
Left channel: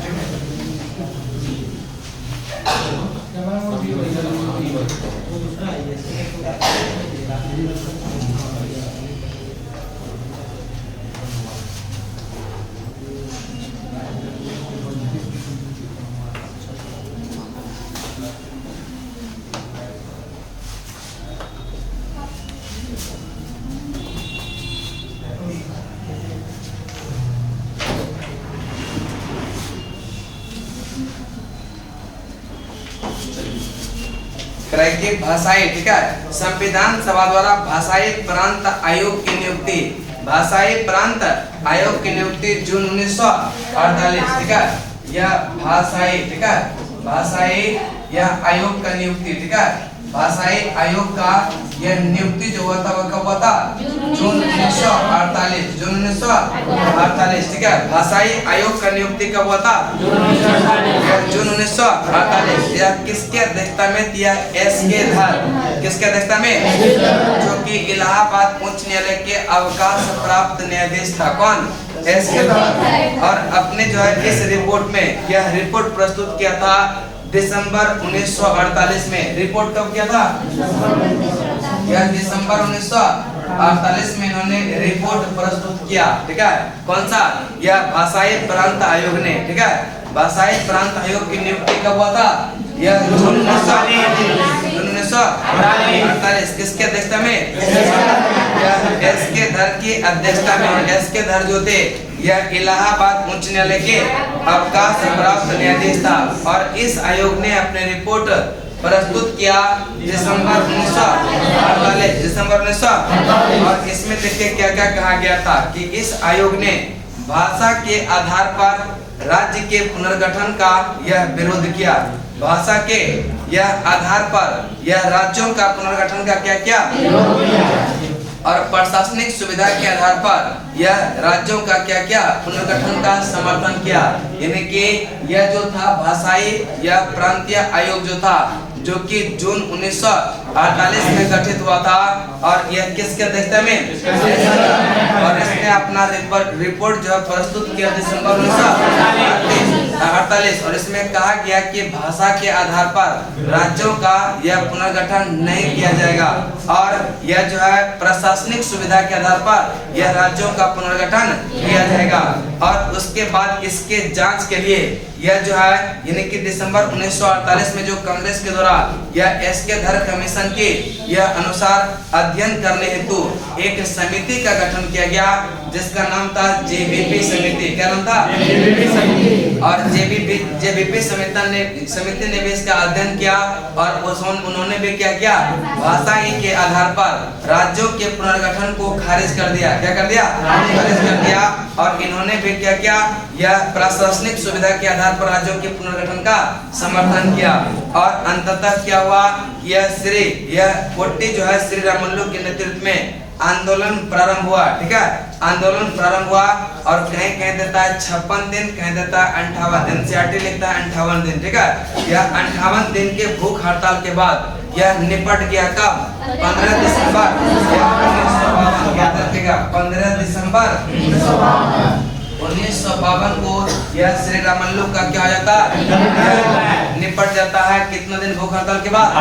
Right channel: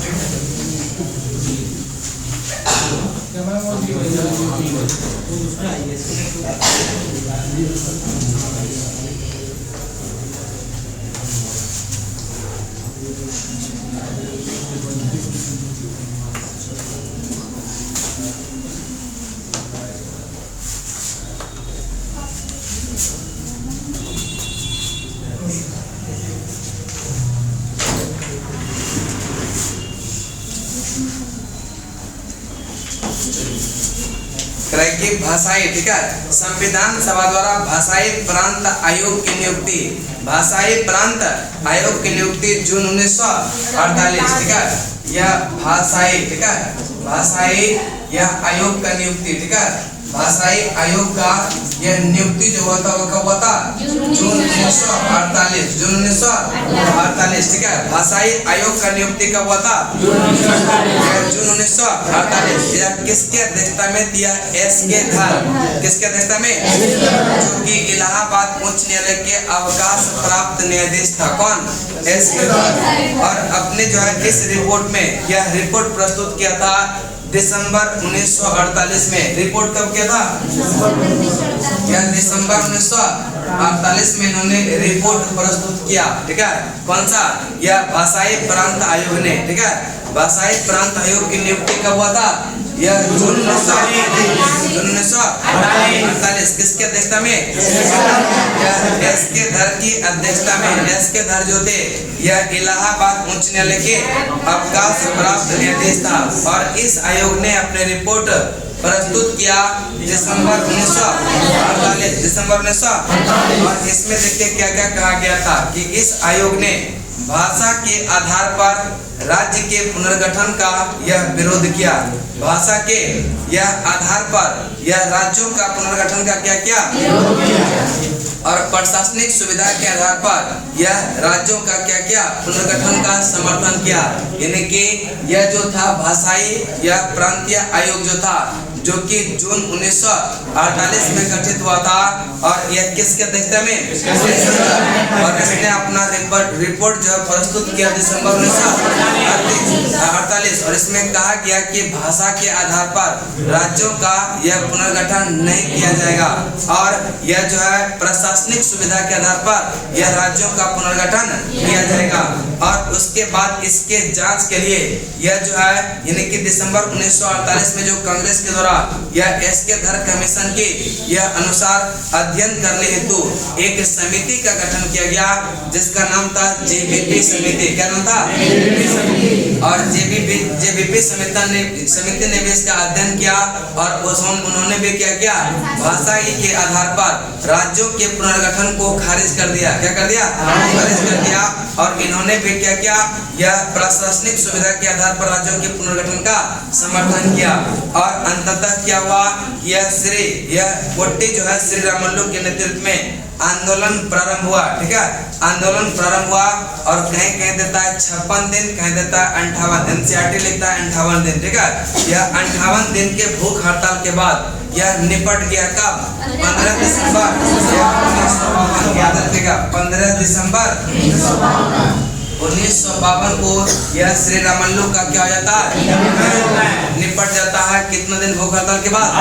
की भाषाई, ठीक है, संविधान सभा द्वारा भाषाई प्रांत आयोग की नियुक्ति। भाषाई प्रांत आयोग की नियुक्ति जून 1948, ठीक है, यह भाषाई, ठीक है, भाषाई यह आयोग का नियुक्ति, ठीक है, भाषाई आयोग का यह नियुक्ति जो हुआ था वह कब हुआ था? जून 1948। जून 1948, ठीक है, भाषाई आयोग का नियुक्ति कब हुआ था? जून 1948। यह किसके अध्यक्षता में? यह एस.के. धर। किसके अध्यक्षता में? जो कि इलाहाबाद उच्च न्यायालय के अवकाश प्राप्त न्यायाधीश था। कौन? एस.के. धर। और अपने जो है इस रिपोर्ट में यह रिपोर्ट प्रस्तुत किया था दिसंबर 1948 में। रिपोर्ट कब किया था? यह दिसंबर 1948 में इन्होंने रिपोर्ट प्रस्तुत किया, ठीक है, कौन सा? यह भाषाई प्रांत आयोग ने, ठीक है, भाषाई प्रांत आयोग की नियुक्ति कब हुआ था? यह जून 1948। किसके अध्यक्षता में? यह एस.के. धर की अध्यक्षता में। एस.के. धर जो थे यह इलाहाबाद उच्च न्यायालय के अवकाश प्राप्त न्यायाधीश था और इस आयोग ने अपने रिपोर्ट प्रस्तुत किया दिसंबर 1948। दिसंबर 1948। और इसमें देखिए क्या क्या कहा गया था कि इस आयोग ने भाषा के आधार पर राज्य के पुनर्गठन का यह विरोध किया। भाषा के यह आधार पर यह राज्यों का पुनर्गठन का क्या किया? और प्रशासनिक सुविधा के आधार पर यह राज्यों का क्या किया? पुनर्गठन का समर्थन किया। यानी कि यह जो था भाषाई यह प्रांतीय आयोग जो था जो कि जून 1948 में गठित हुआ था और यह किसके अध्यक्षता में? और इसने अपना रिपोर्ट जो प्रस्तुत किया दिसंबर 1948 और इसमें कहा गया कि भाषा के आधार पर राज्यों का यह पुनर्गठन नहीं किया जाएगा और यह जो है प्रशासनिक सुविधा के आधार पर यह राज्यों का पुनर्गठन किया जाएगा। और उसके बाद इसके जांच के लिए यह जो है यानी कि दिसंबर 1948 में जो कांग्रेस के द्वारा यह एस.के. धर कमीशन के यह अनुसार अध्ययन करने हेतु एक समिति का गठन किया गया जिसका नाम था जे.बी.पी. समिति। क्या नाम था? और जे.बी.पी. समिति ने भी इसका अध्ययन किया और उन्होंने भी क्या किया? भाषा के आधार पर राज्यों के पुनर्गठन को खारिज कर दिया। क्या कर दिया? खारिज कर दिया। और इन्होंने भी क्या किया? यह प्रशासनिक सुविधा के आधार पर राज्यों के पुनर्गठन का समर्थन किया। और अंततः क्या हुआ? यह पोट्टी जो है श्री रामल्लू के नेतृत्व में आंदोलन प्रारंभ हुआ। ठीक है, आंदोलन प्रारंभ हुआ और कहीं कहीं देता है 56 दिन, कहीं देता है 58 दिन। सीआरटी लिखता है 58 दिन। ठीक है, यह 58 दिन के भूख हड़ताल के बाद यह निपट गया। कब? 15 दिसंबर 1952। याद रखिएगा, 15 दिसंबर 1952 को यह श्री रामल्लू का क्या हो जाता है? निपट जाता है। कितना दिन भूख हड़ताल के बाद?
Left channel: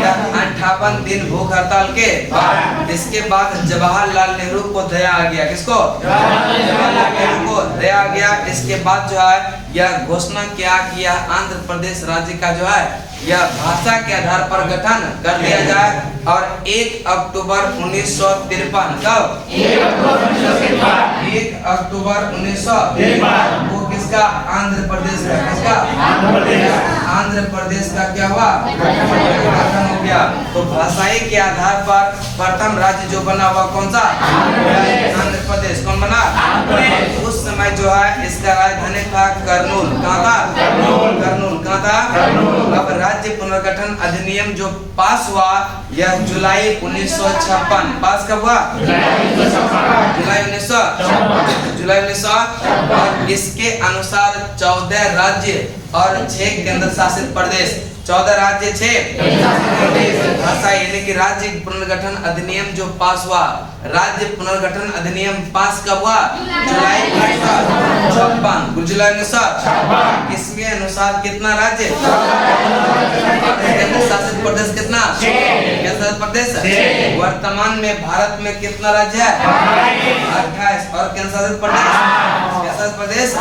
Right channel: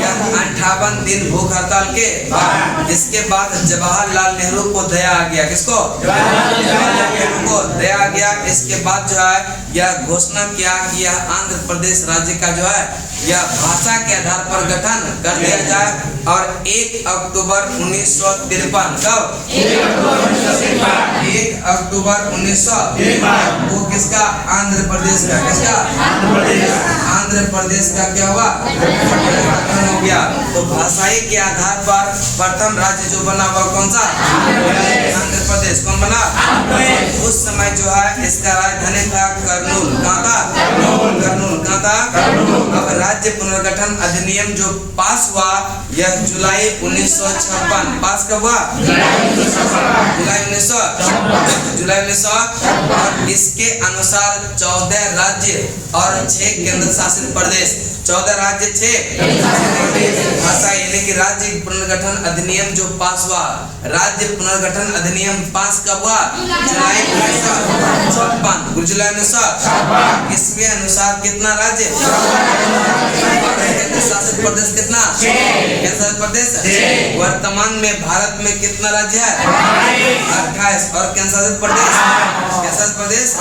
यह 58 दिन भूख हड़ताल के बाद। इसके बाद जवाहरलाल नेहरू को दया आ गया। किसको? जवाहरलाल नेहरू को दया आ गया। इसके बाद जो है यह घोषणा किया कि यह आंध्र प्रदेश राज्य का जो है या भाषा के आधार पर गठन कर दिया जाए। और 1 अक्टूबर 1953 कब? 1 अक्टूबर 1953 वो किसका? आंध्र प्रदेश का। किसका? आंध्र प्रदेश का क्या हुआ? गठन हो गया। तो भाषाई के आधार पर प्रथम राज्य जो बना हुआ कौन सा? आंध्र प्रदेश। कौन बना? उस समय जो है इसका राजधानी था करनूल। कहाँ था? करनूल। कहाँ था? अब राज्य पुनर्गठन अधिनियम जो पास हुआ यह जुलाई 1956। पास कब हुआ? जुलाई 1956। और इसके अनुसार 14 राज्य और 6 केंद्र शासित प्रदेश। 14 राज्य 6 भाषा यानी कि राज्य पुनर्गठन अधिनियम जो पास हुआ। राज्य पुनर्गठन अधिनियम पास कब हुआ? जुलाई 1956। जुलाई 1956। इसके अनुसार कितना राज्य और केंद्र शासित प्रदेश कितना? केंद्र शासित प्रदेश। वर्तमान में भारत में कितना राज्य है? 28। और केंद्र शासित प्रदेश? केंद्र शासित प्रदेश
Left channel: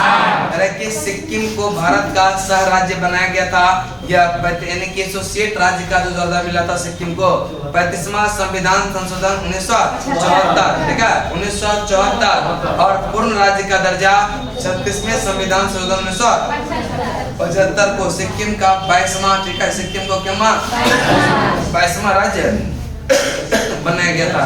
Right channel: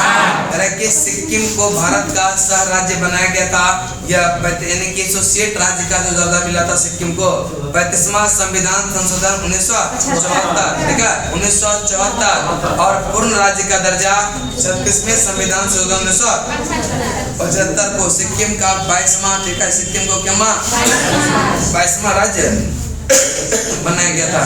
कि सिक्किम को भारत का सह राज्य बनाया गया था। यह यानी कि एसोसिएट राज्य का जो दर्जा मिला था सिक्किम को। 35वां संविधान संशोधन 1974। ठीक है 1974। और पूर्ण राज्य का दर्जा 36वें संविधान संशोधन 1975 को सिक्किम का 22वां। ठीक है सिक्किम को क्या 22वां राज्य बनाया गया था।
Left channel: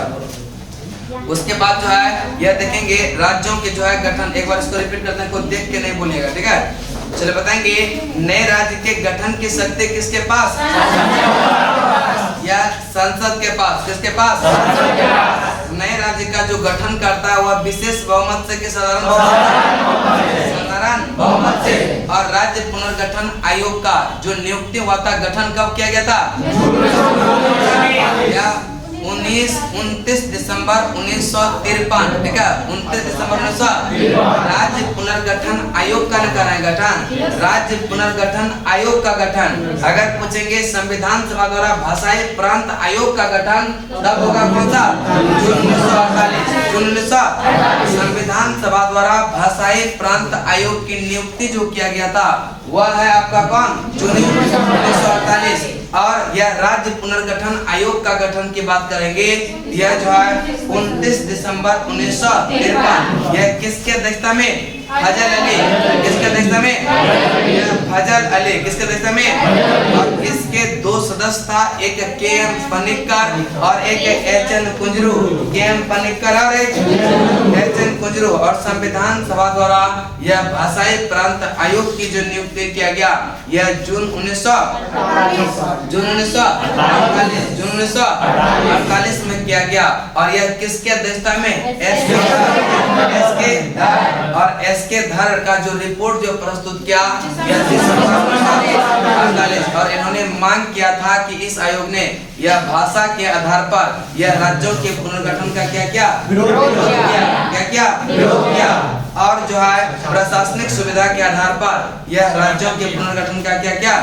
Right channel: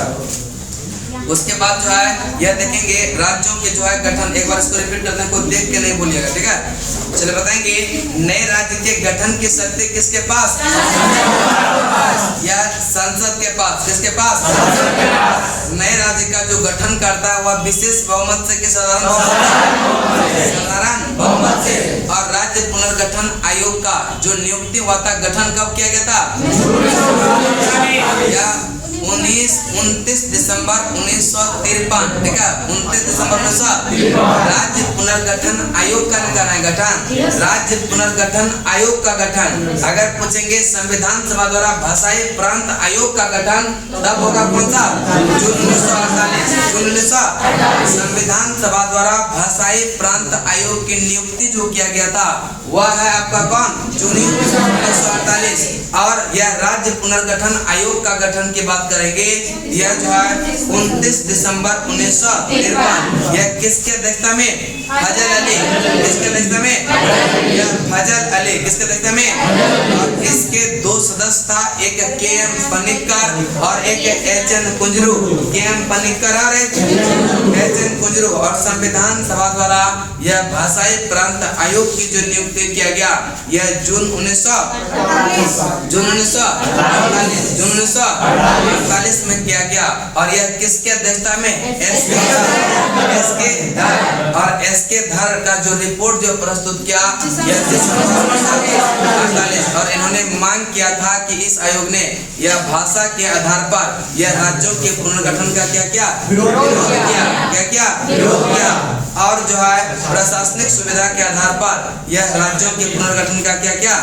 उसके बाद जो है यह देखेंगे राज्यों के जो है गठन। एक बार इसको रिपीट करने को देख के नहीं बोलिएगा। ठीक है चलिए बताएंगे नए राज्य के गठन की शक्ति किसके पास? या संसद के पास। किसके पास? नए राज्य का जो गठन करता है वह विशेष बहुमत से कि साधारण बहुमत से। और राज्य पुनर्गठन आयोग का जो नियुक्ति हुआ था गठन कब किया गया था? या 29 दिसंबर 1953। ठीक है 29 दिसंबर 1953। राज्य पुनर्गठन आयोग का गठन। राज्य पुनर्गठन आयोग का गठन। अगर पूछेंगे संविधान सभा द्वारा भाषाई प्रांत आयोग का गठन तब होगा कौन सा? जून 1948। जून 1948 संविधान सभा द्वारा भाषाई प्रांत आयोग की नियुक्ति जो किया गया था वह है आपका कौन? जून 1948। और यह राज्य पुनर्गठन आयोग का गठन की बात करेंगे यह जो है 29 दिसंबर 1953। यह किसके अध्यक्षता में? फजल अली। किसके अध्यक्षता में? यह फजल अली। किसके अध्यक्षता में? और इसके 2 सदस्य था एक के.एम. पनिक्कर और एक एच.एन. कुंजरू। के.एम. पनिक्कर और एच.एन. कुंजरू। और संविधान सभा द्वारा यह भाषाई प्रांत आयोग की जो नियुक्ति किया गया यह जून 1948 में किया गया। और यह किसके अध्यक्षता में? एस.के. धर। और एस.के. धर का जो रिपोर्ट जो प्रस्तुत किया यह दिसंबर 1948। और इन्होंने मांग किया था कि इस आयोग ने यह भाषा के आधार पर यह राज्यों के पुनर्गठन का क्या किया? विरोध किया। और जो है प्रशासनिक सुविधा के आधार पर यह राज्यों के पुनर्गठन का क्या किया?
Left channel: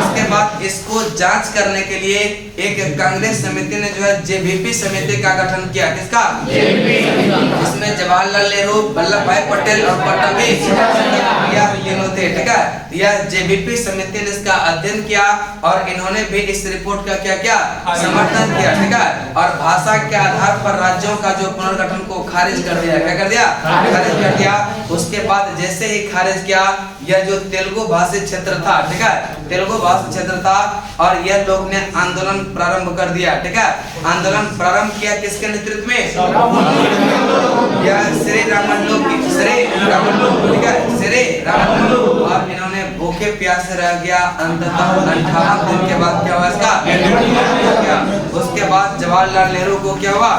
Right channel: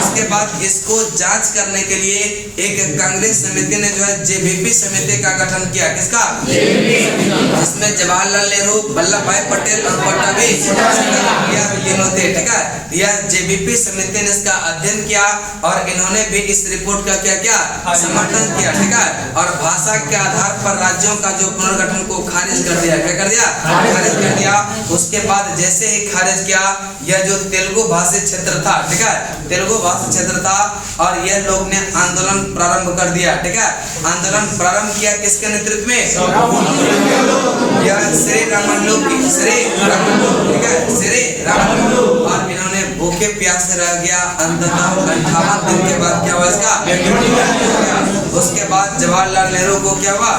उसके बाद इसको जांच करने के लिए एक कांग्रेस समिति ने जो है जेबीपी समिति का गठन किया। किसका? जिसमें जवाहरलाल नेहरू, वल्लभ भाई पटेल और पट्टभी तीनों थे। ठीक है यह जेबीपी समिति ने इसका अध्ययन किया और इन्होंने भी इस रिपोर्ट का क्या किया? समर्थन किया। ठीक है और भाषा के आधार पर राज्यों का जो पुनर्गठन को खारिज कर दिया। क्या कर दिया? खारिज कर दिया। उसके बाद जैसे ही खारिज किया यह जो तेलुगु भाषी क्षेत्र था। ठीक है तेलुगु भाषी क्षेत्र था और यह लोग ने आंदोलन प्रारंभ कर दिया। ठीक है आंदोलन प्रारंभ किया किसके नेतृत्व में? यह श्री रामल्लू। ठीक है श्री रामल्लू। और इन्होंने भूखे प्यासे रह गया। अंततः 58 दिन के बाद क्या हुआ इसका? उसके बाद जवाहरलाल नेहरू को क्या हुआ?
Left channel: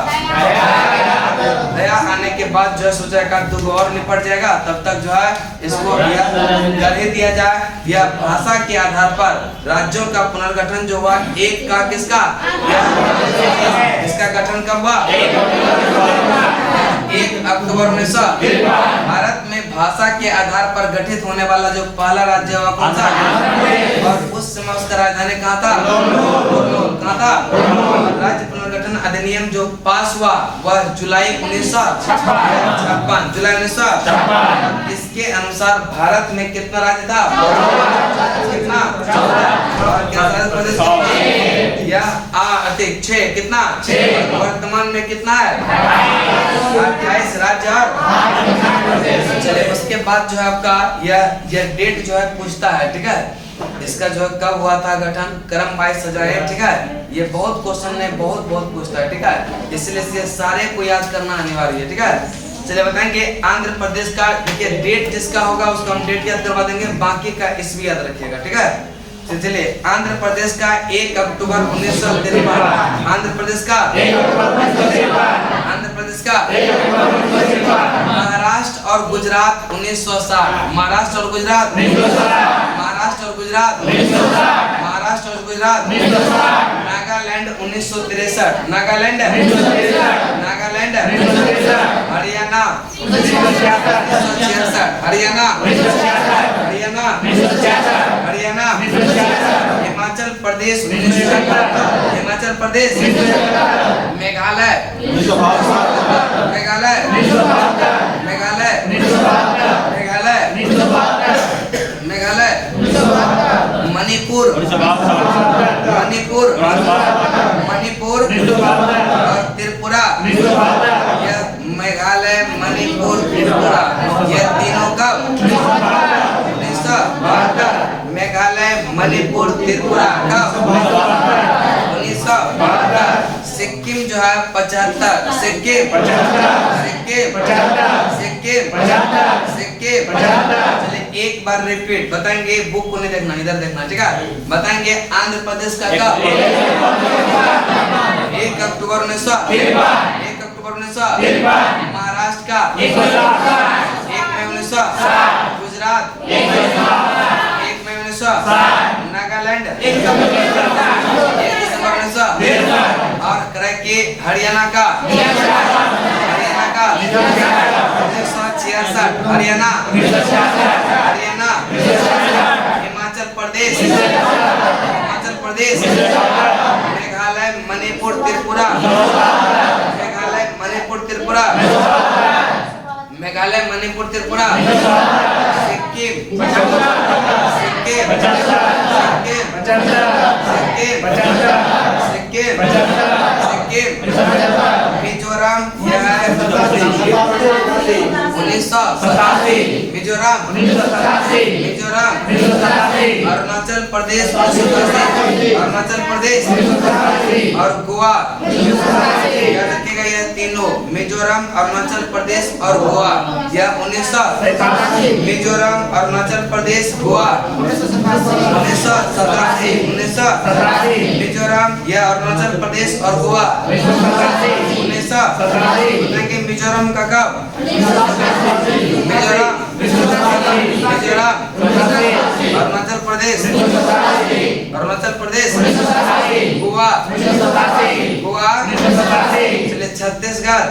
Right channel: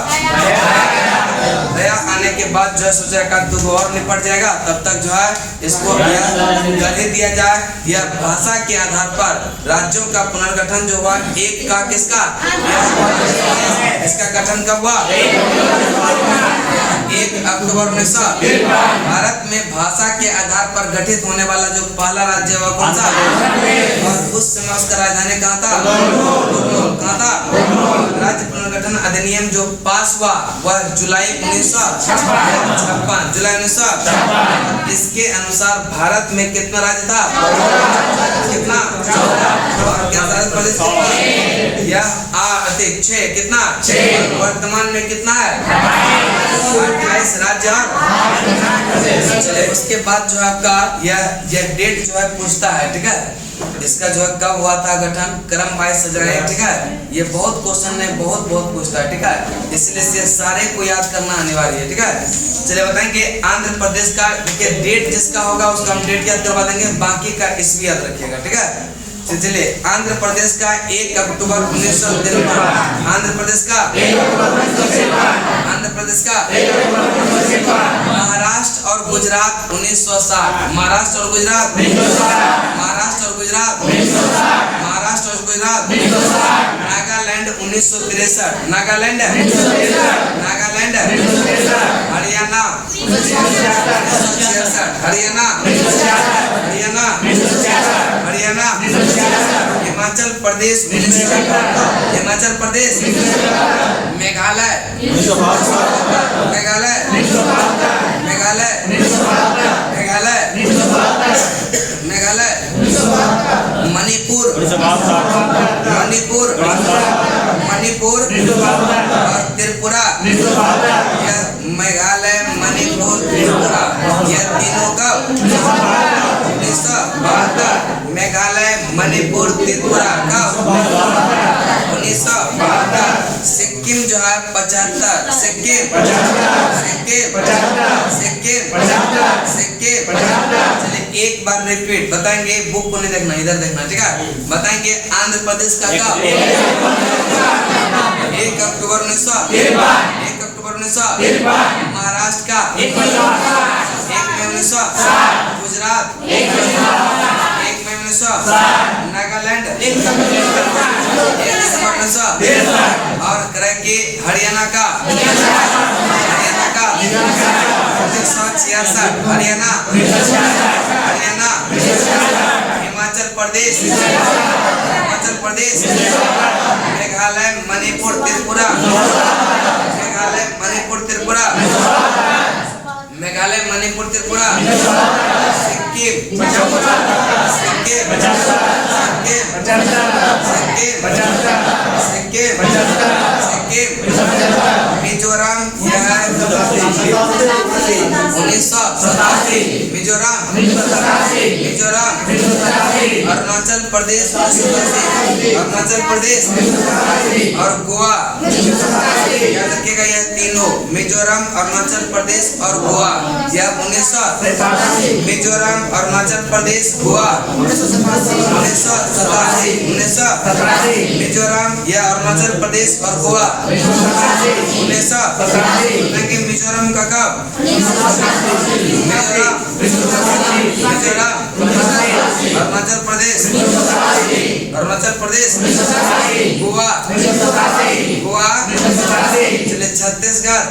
दया आने के बाद जो है सोचा का 2 और निपट जाएगा तब तक जो है इसको कर ही दिया जाए। यह भाषा के आधार पर राज्यों का पुनर्गठन जो हुआ एक का किसका? इसका गठन कब हुआ? 1 अक्टूबर 1953। भारत में भाषा के आधार पर गठित होने वाला जो पहला राज्य हुआ कौन सा? और उस समय उसका राजधानी कहाँ था? कहाँ था? राज्य पुनर्गठन गठन अधिनियम जो पास हुआ वह जुलाई 1956, जुलाई 1956। इसके अनुसार भारत में कितना राज्य था? कितना? 14। और केंद्र प्रदेश कितना? यह अधिक 6, कितना? 6। वर्तमान में कितना है? 28 राज्य और चलिए उसके बाद जो है आपका यह डेट जो है पूछता है, ठीक है। इसका जो है कब हुआ था गठन, क्रम वाइज सजाए, ठीक है। ये बहुत क्वेश्चन ने बहुत पूछता है, ठीक है। इसलिए ये सारे को याद करना अनिवार्य है, ठीक है। चलिए बताएंगे आंध्र प्रदेश का, देखिए डेट जिसका होगा उसका हम डेट याद करवा देंगे, बाकी का ईस्वी याद रखिएगा, ठीक है। चलिए आंध्र प्रदेश का 1 अक्टूबर 1953, आंध्र प्रदेश का महाराष्ट्र और गुजरात 1960, महाराष्ट्र और गुजरात 1960, नागालैंड 1963, नागालैंड हरियाणा 1966, हरियाणा हिमाचल प्रदेश, मेघालय मणिपुर और त्रिपुरा। यह मेघालय, मणिपुर, त्रिपुरा यह तीनों का 1972, मेघालय, मणिपुर, त्रिपुरा का 1972। सिक्किम जो है 75, सिक्किम। चलिए एक बार रिपीट बताएंगे, बुक को नहीं देखना, इधर देखना, ठीक है। बताएंगे आंध्र प्रदेश का कब? 1 अक्टूबर 1953, महाराष्ट्र का 1 मई 1960, गुजरात 1 मई 1960, नागालैंड 1 दिसंबर 1960 और के हरियाणा का 1966, हरियाणा हिमाचल प्रदेश, मेघालय, मणिपुर, त्रिपुरा, सिक्किम, मिजोरम, यह है 1987, मिजोरम, अरुणाचल प्रदेश और गोवा। याद रखिएगा यह तीनों, मिजोरम, अरुणाचल प्रदेश और गोवा, यह 1987, मिजोरम, अरुणाचल प्रदेश, गोवा 1987, मिजोरम, यह अरुणाचल प्रदेश और गोवा 1987। मिजोरम का कब? मिजोरम, अरुणाचल प्रदेश, गोवा। चलिए छत्तीसगढ़,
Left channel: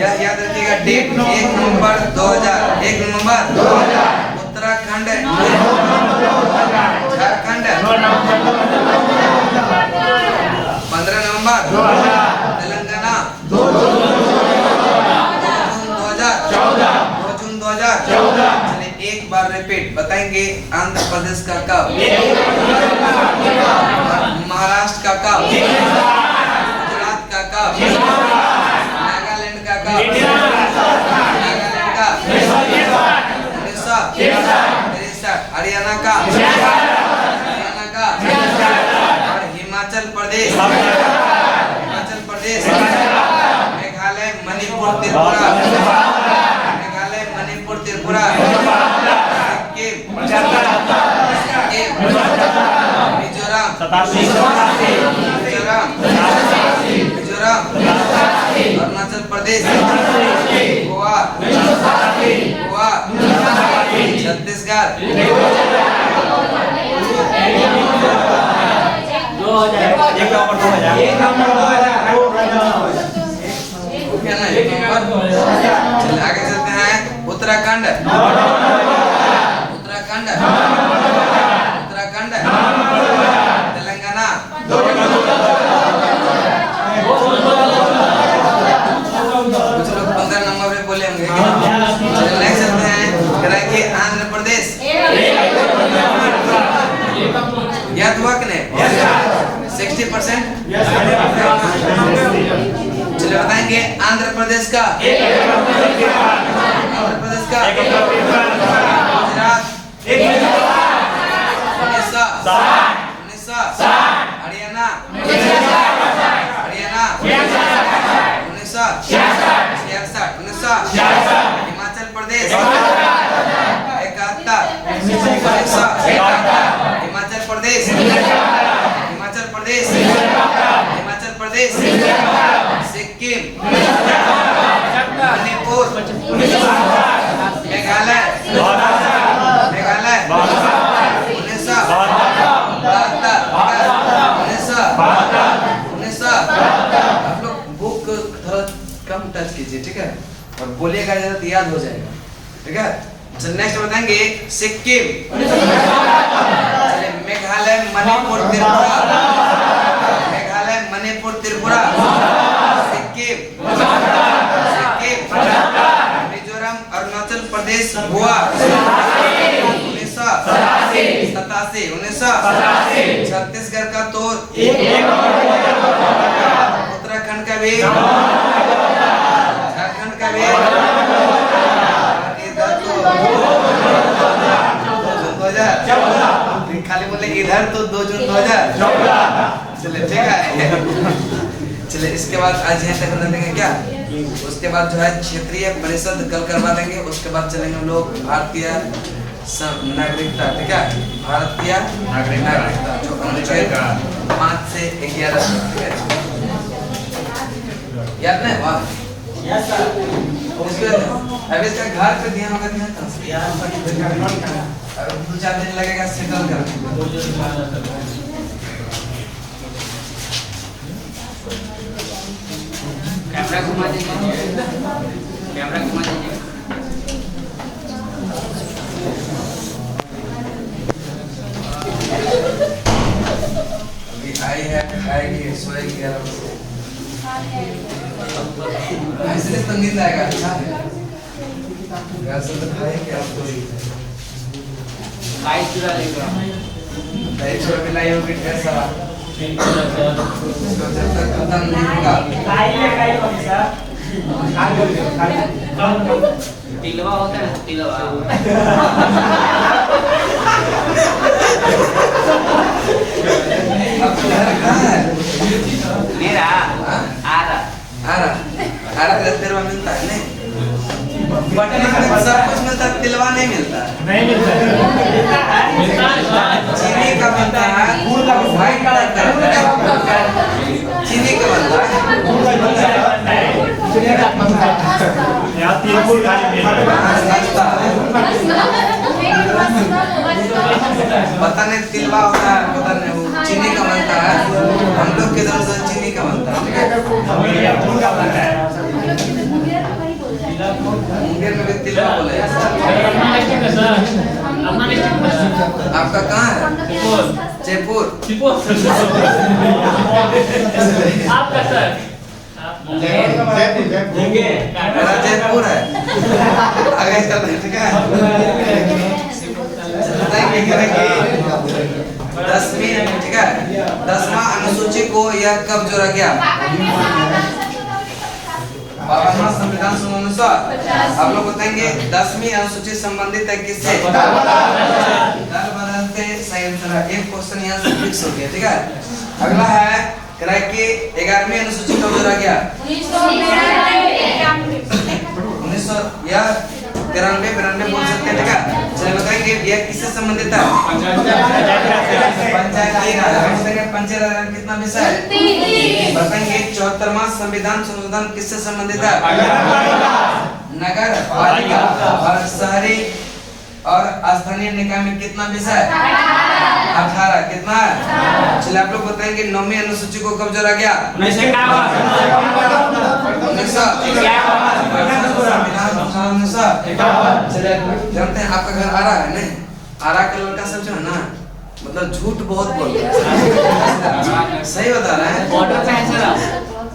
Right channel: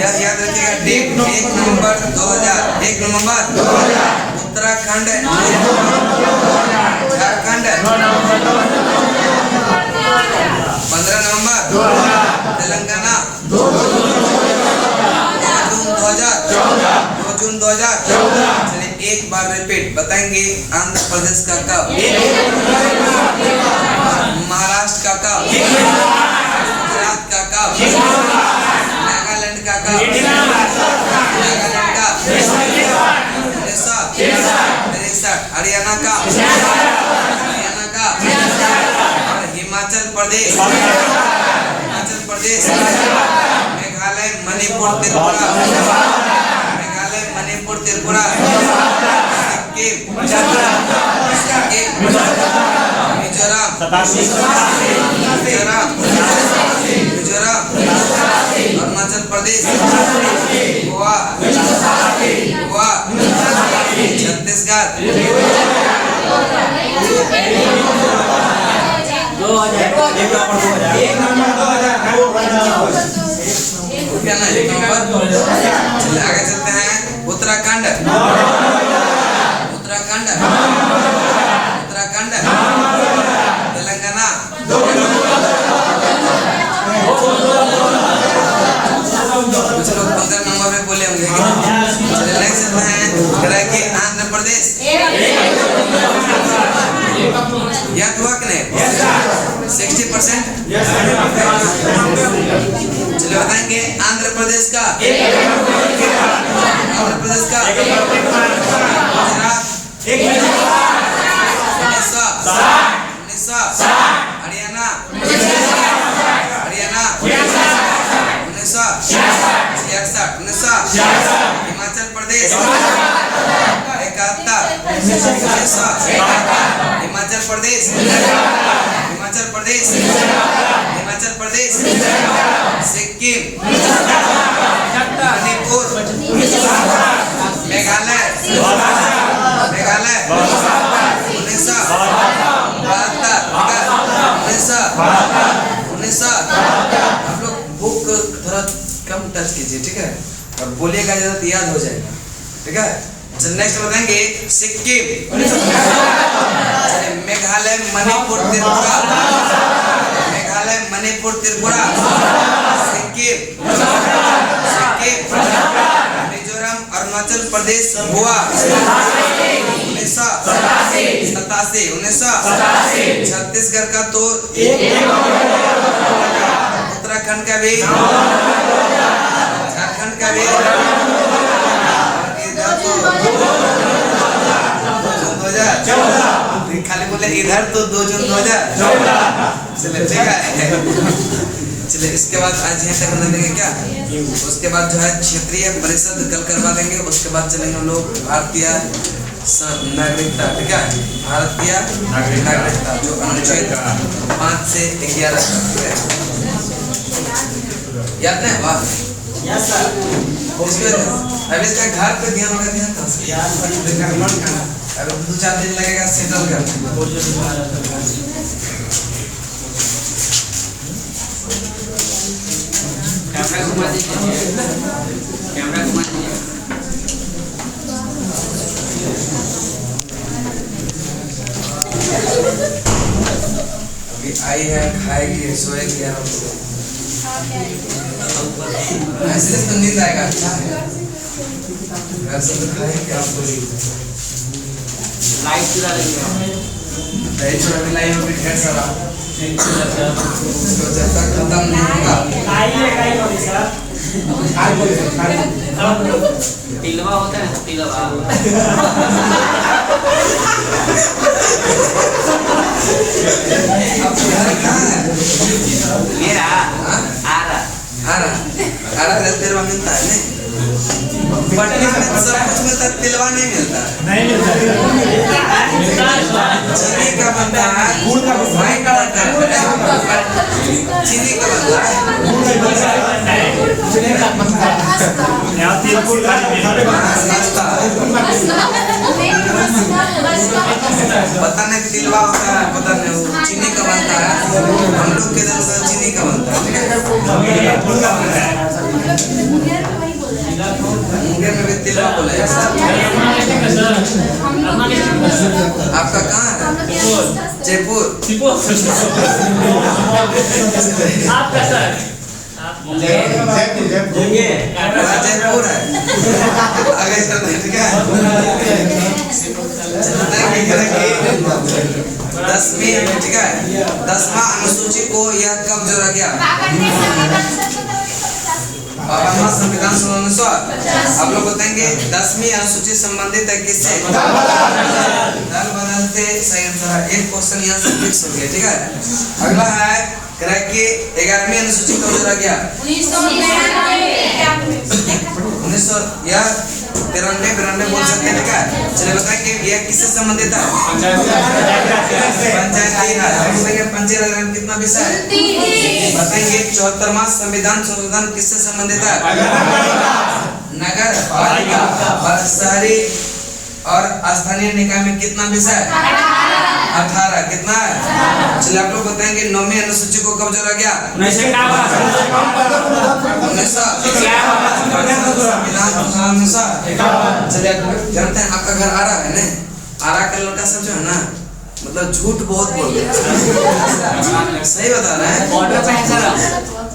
यह याद रखिएगा डेट 1 नवंबर 2000, उत्तराखंड, झारखंड 15 नवंबर, तेलंगाना 2 जून 2014। चलिए एक बार रिपीट बताएंगे आंध्र प्रदेश का कब, महाराष्ट्र का कब, गुजरात का कब, नागालैंड का कब, नागालैंड का 1963, हरियाणा का और हिमाचल प्रदेश, मेघालय, मणिपुर, त्रिपुरा, सिक्किम, मिजोरम, अरुणाचल प्रदेश, गोवा, छत्तीसगढ़। क्या ना 1 नंबर। चलिए आगे चलते हैं। उत्तराखंड, तेलंगाना, कुछ लोग 15 नंबर पे बोले होंगे कि चलिए नेक्स्ट चलते हैं। कह रहा है कि आंध्र प्रदेश याद हुआ कि नहीं? 60%। चलिए बताएंगे आंध्र प्रदेश का गुजरात 1960 हरियाणा 1966 हिमाचल प्रदेश 71 हिमाचल प्रदेश सिक्किम मणिपुर मेघालय 1972 आप लोग बुक थोड़ा कम टच कीजिए, ठीक है, और बोलिएगा जरा तो याद हो जाएगा, ठीक है। चलिए नेक्स्ट बताएंगे सिक्किम, चलिए मेघालय मणिपुर त्रिपुरा सिक्किम मिजोरम अरुणाचल प्रदेश गोवा 1987 छत्तीसगढ़ का तो उत्तराखंड का भी झारखंड का भी इधर तो 2014 खाली बोले इधर तो 2 जून 2000। चलिए ठीक है। चलिए इसके बाद आज यहीं तक कर देंगे क्या, उसके बाद जो है क्षेत्रीय परिषद कल करवा देंगे। उसके बाद चलेंगे हम लोग भारतीय नागरिकता, ठीक है, भारतीय नागरिकता जो अनुच्छेद 5 से 11 ठीक है, याद नहीं? वाह अब इसका घर पे ध्यान होगा, ध्यान था अब 2-4 दिन लगेगा सेटल करने। कैमरा घुमा दीजिए। अभी आई है, खाएगी, सोएगी आराम से, ऐसे तो नींद आएगा। अच्छा है, घर से तो खाएंगे आप तो। लाइट चुरा लेंगे, लाइट चुरा के लाई होगी ढेर सारा, तो जब तक खत्म नहीं होगा। तिलवा होता है, तिलवा मेरा आरा तेरवा मिलता है नहीं, पटना में सब कुछ मिलता है, तिलवा नहीं मिलता। चीनी का बनता है, व्हाइट रहता है, चीनी का बनता है, नाश्ता पता नहीं तिलवा होता है, पता नहीं वो चीनी का बनता है। हम लोग के इधर उधर चीनी का बनता है, ठीक है। मुंगेर में भी तिलवा बोला है सर। आपका कहाँ है? जयपुर। आपका सर जयपुर है। आगे चलते हैं, ठीक है। 10वीं, ठीक है, 10वां अनुसूची को यह कब जोड़ा गया? संविधान अनुसार आप लोग बताएंगे 10वीं अनुसूची संबंधित है किससे? दल बदलते। सही आंसर है, एक क्वेश्चन यहाँ से फिक्स हो गया, ठीक है। अगला है कि 11वीं अनुसूची कब जोड़ा गया? 1993 बोल सकते हैं, ठीक है। चलिए बताएंगे यह किससे संबंधित है? पंचायती राज। पंचायत राज कितना विषय है बताएंगे? 74वां संविधान संशोधन किससे संबंधित है? नगर पालिका और शहरी और स्थानीय निकाय में कितना विषय है? 18। कितना है? चलिए आप लोग बताएंगे 9वीं अनुसूची को कब जोड़ा गया? 1951। चलिए जानते हैं आपका घर आरा है नहीं? आरा का लड़का सब जो है ना, मतलब झूठ बहुत बोलते हैं। सही बता रहे हैं? ऑर्डर पे है सर।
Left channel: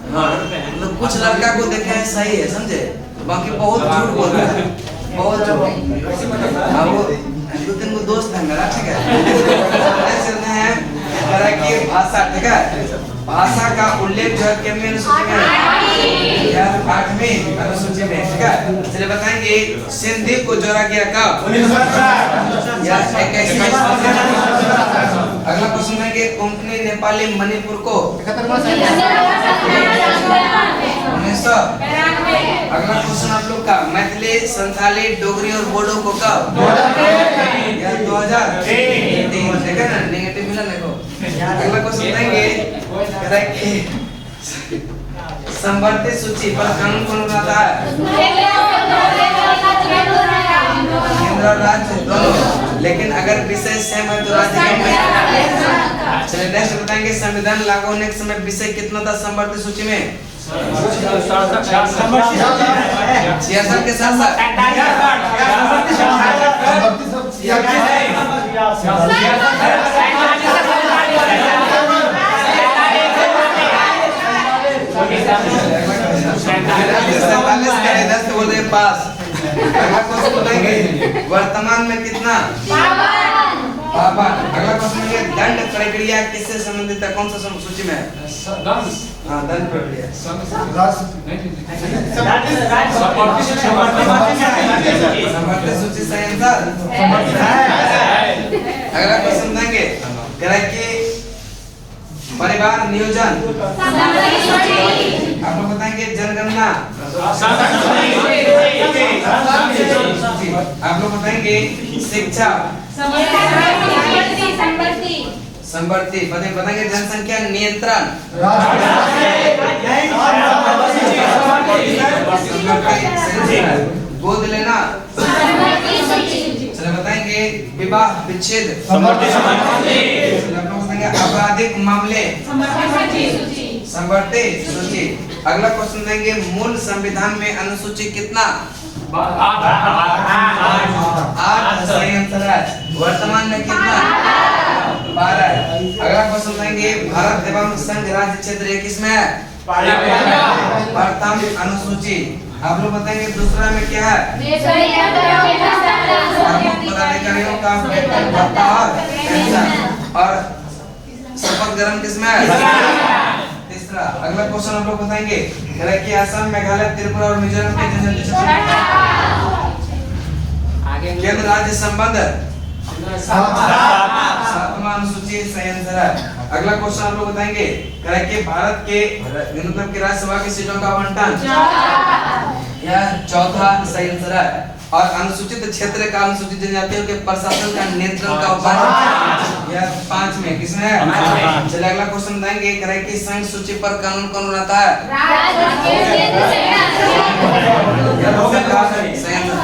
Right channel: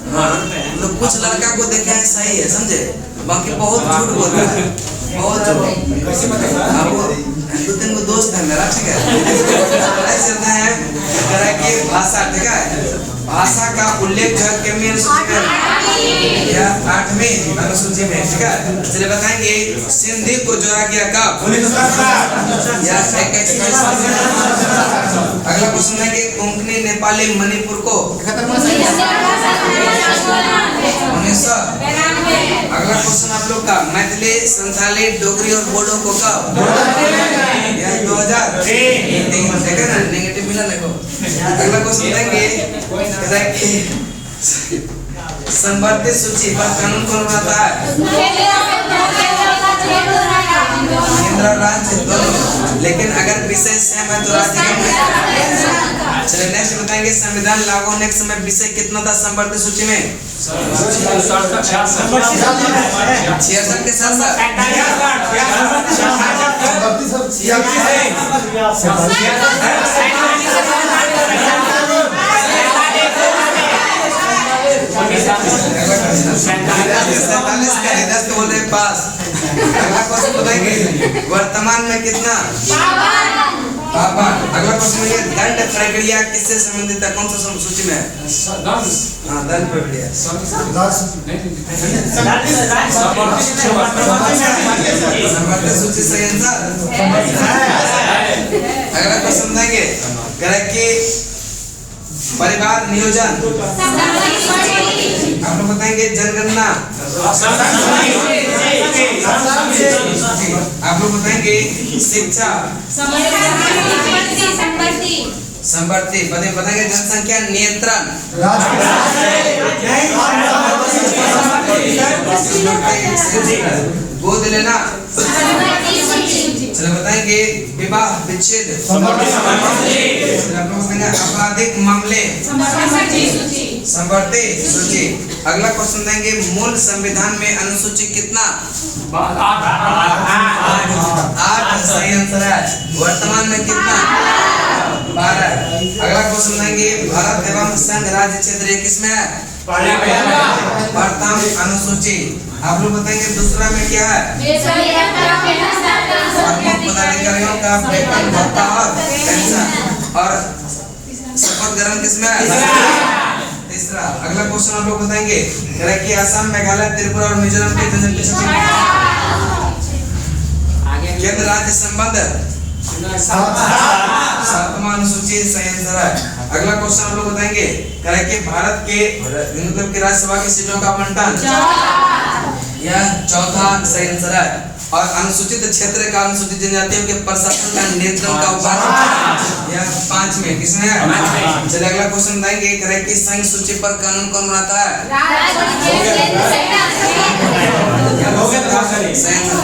हाँ मतलब कुछ लड़का को देखे हैं सही है, समझे, बाकी बहुत झूठ बोलता है, बहुत झूठ। अब वो 2-3 को दोस्त है मेरा, ठीक है, चलते हैं तरह की भाषा, ठीक है, भाषा का उल्लेख जो है कितनी अनुसूची में या 8वीं अनुसूची में, ठीक है। चलिए बताएंगे सिंधी को जोड़ा गया कब या 21वीं सदी में। अगला क्वेश्चन है कि कोंकणी नेपाली मणिपुर को 1900। अगला क्वेश्चन आप लोग का मैथिली संथाली डोगरी और बोडो को कब या 2003, ठीक है ना, नेगेटिव मिला देखो। अगला क्वेश्चन देंगे संवर्ती सूची पर कानून कौन बनाता है? केंद्र और राज्य दोनों, लेकिन अगर विषय सेम है तो राज्य का। चलिए नेक्स्ट बताएंगे संविधान लागू होने के समय विषय कितना था संवर्ती सूची में? 66 के साथ पास। अगला क्वेश्चन बताएंगे वर्तमान में कितना? अगला क्वेश्चन है दंड प्रक्रिया किससे संबंधित है? कौन सा सूची में है? हाँ, दंड प्रक्रिया सूची सही आंसर। अगला क्वेश्चन देंगे कि परिवार नियोजन आप लोग बताएंगे जनगणना आप लोग बताएंगे शिक्षा संवर्ती बताएंगे जनसंख्या नियंत्रण गोद लेना। चलो बताएंगे विवाह विच्छेद आपराधिक मामले संवर्ती सूची। अगला क्वेश्चन देंगे मूल संविधान में अनुसूची कितना? 8 सही आंसर है। वर्तमान में कितना? 12। अगला क्वेश्चन देंगे भारत एवं संघ राज्य क्षेत्र किसमें है? प्रथम अनुसूची। आप लोग बताएंगे दूसरा में क्या है? पदाधिकारियों का वेतन भत्ता और पेंशन। और शपथ ग्रहण किसमें है? तीसरा। अगला क्वेश्चन आप लोग बताएंगे कि असम मेघालय त्रिपुरा और मिजोरम के जनसंख्या केंद्र राज्य संबंध 7वां अनुसूची सही आंसर है। अगला क्वेश्चन आप लोग बताएंगे कि भारत के मतलब की राज्यसभा की सीटों का आवंटन यह 4था सही आंसर है। और अनुसूचित क्षेत्र का अनुसूचित जनजातियों के प्रशासन का नियंत्रण का उपाय यह 5 में किसमें है? चलिए अगला क्वेश्चन बताएंगे कि संघ सूची पर कानून कौन बनाता है?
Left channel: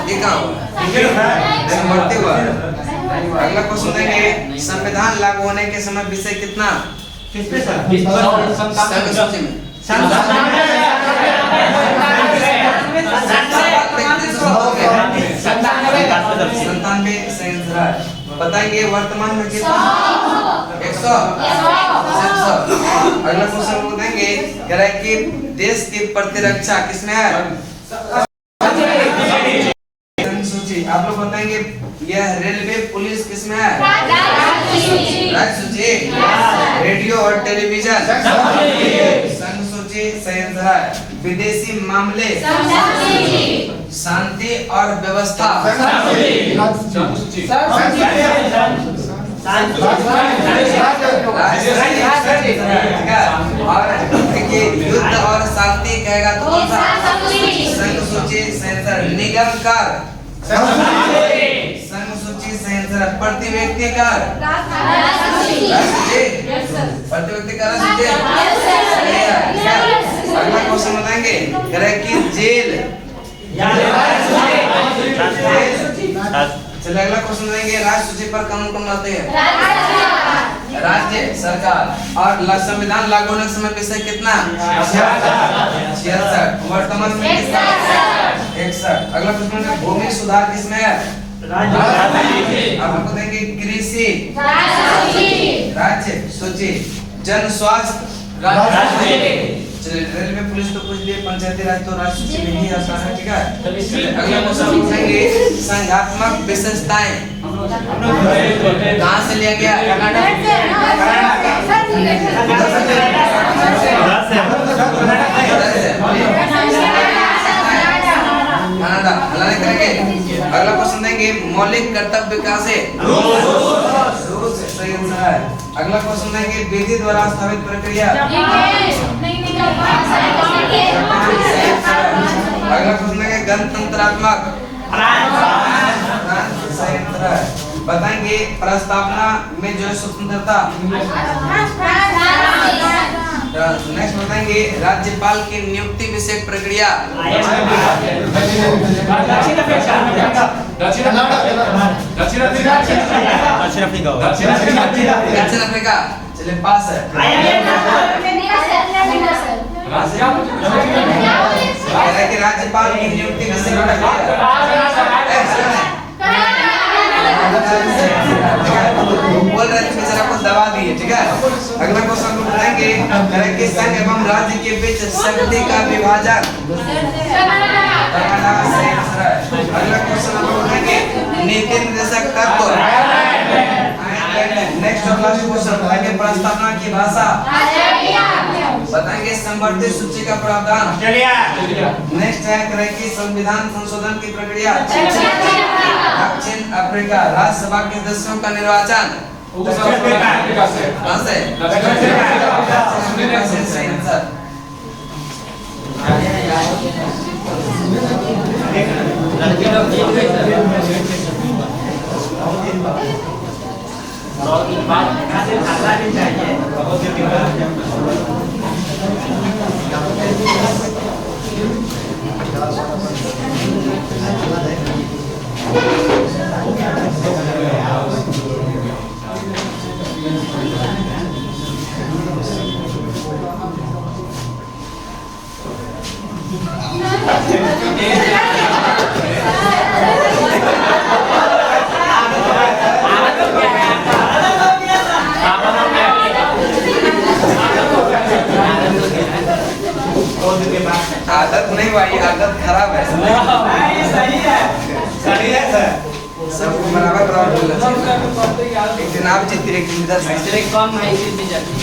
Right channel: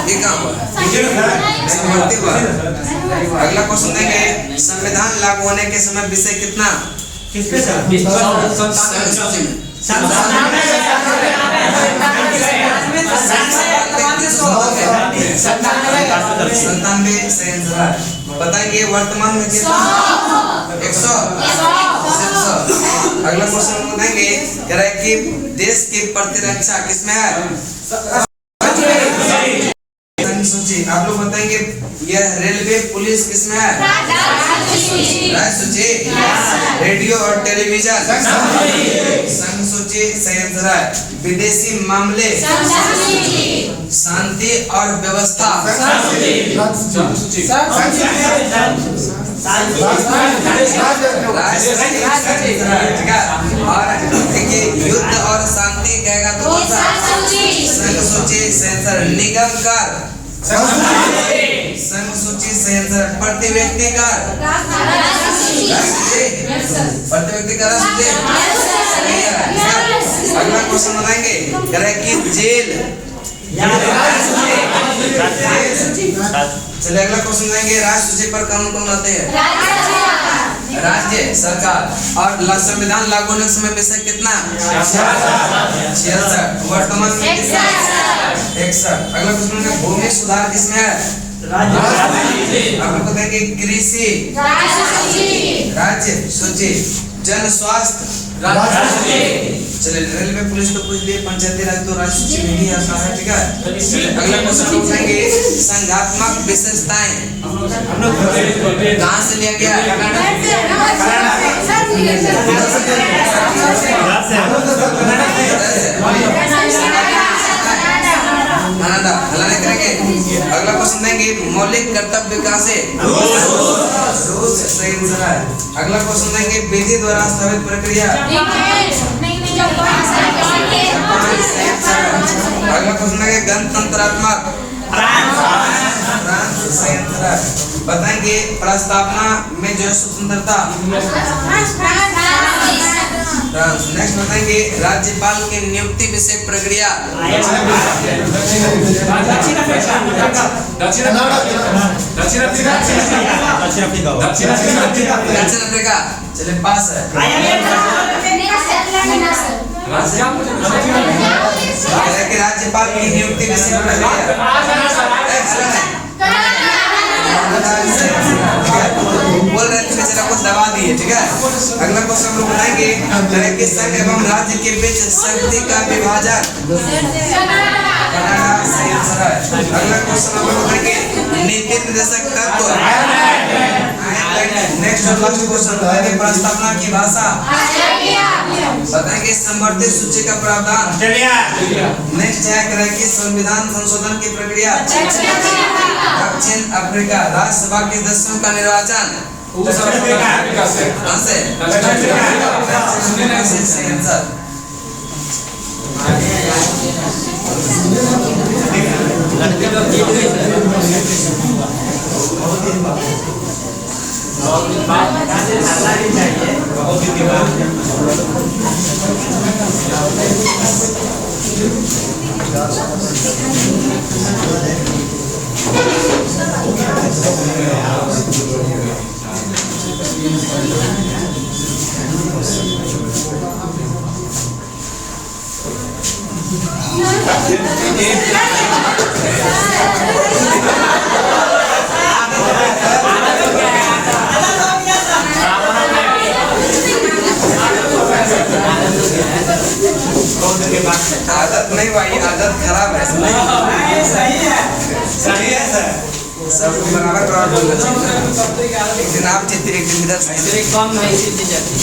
ये कहाँ हुआ? अगला क्वेश्चन देंगे संविधान लागू होने के समय विषय कितना? संघ सूची में 97 बताइए वर्तमान में कितना? 100। अगला क्वेश्चन बताएंगे कि देश की प्रतिरक्षा किसमें है? सूची। आप लोग बताएंगे यह रेलवे पुलिस किसमें है? राज्य सूची। रेडियो और टेलीविजन संघ सूची सही आंसर है। विदेशी मामले शांति और व्यवस्था और देखिए युद्ध और शांति कहेगा तो कौन सा? संघ सूची सही। निगम कर संघ सूची सही आंसर। प्रति व्यक्ति कर प्रति व्यक्ति कर सूची। अगला क्वेश्चन बताएंगे कि जेल। चलिए अगला क्वेश्चन देंगे राज्य सूची पर कानून कौन बनाते हैं? राज्य सरकार। और संविधान लागू होने के समय विषय कितना? 66। वर्तमान में 61। अगला क्वेश्चन है भूमि सुधार किसमें है? आप लोग बताएंगे कृषि राज्य सूची। जन स्वास्थ्य चलिए रेलवे पुलिस तो पूछ लिए, पंचायती राज तो राज्य सचिव ही आता है, ठीक है। चलिए अगला क्वेश्चन पूछेंगे संघात्मक विशेषताएं। कहाँ से लिया गया? कनाडा। हल्ला नहीं करेंगे। अगला क्वेश्चन देंगे मौलिक कर्तव्य कहाँ से? रूस से। सही आंसर है। अगला क्वेश्चन देंगे विधि द्वारा स्थापित प्रक्रिया। अगला क्वेश्चन देंगे गणतंत्रात्मक। फ्रांस। सही आंसर है। बताएंगे प्रस्तावना में जो स्वतंत्रता। फ्रांस। नेक्स्ट बताएंगे राज्यपाल की नियुक्ति विषय प्रक्रिया। दक्षिण अफ्रीका। चलिए पास है। राज्यपाल की नियुक्ति विषय प्रक्रिया। बोल रहे थे बेचारा को दबा दिए, ठीक है। अगला क्वेश्चन हम लोग बताएंगे तरह के संघ एवं राज्य के बीच शक्ति का विभाजन। कनाडा। सही आंसर है। अगला क्वेश्चन हम लोग बताएंगे नीति निर्देशक तत्व। नेक्स्ट और लास्ट क्वेश्चन बताएंगे प्रस्तावना की भाषा। बताएंगे संवर्धित सूची का प्रावधान। नेक्स्ट है तरह की संविधान संशोधन की प्रक्रिया। दक्षिण अफ्रीका। राज्यसभा के सदस्यों का निर्वाचन। कहाँ से? सही आंसर। लड़के लोग जीत गए सर। बहुत दिन बाद हारना नहीं चाहिए। आदत नहीं भाई, आदत खराब है। सही है सर। सबको बराबर बराबर बोलना चाहिए। एक दिन आप जीतते, एक दिन इधर। कम है इसी जाती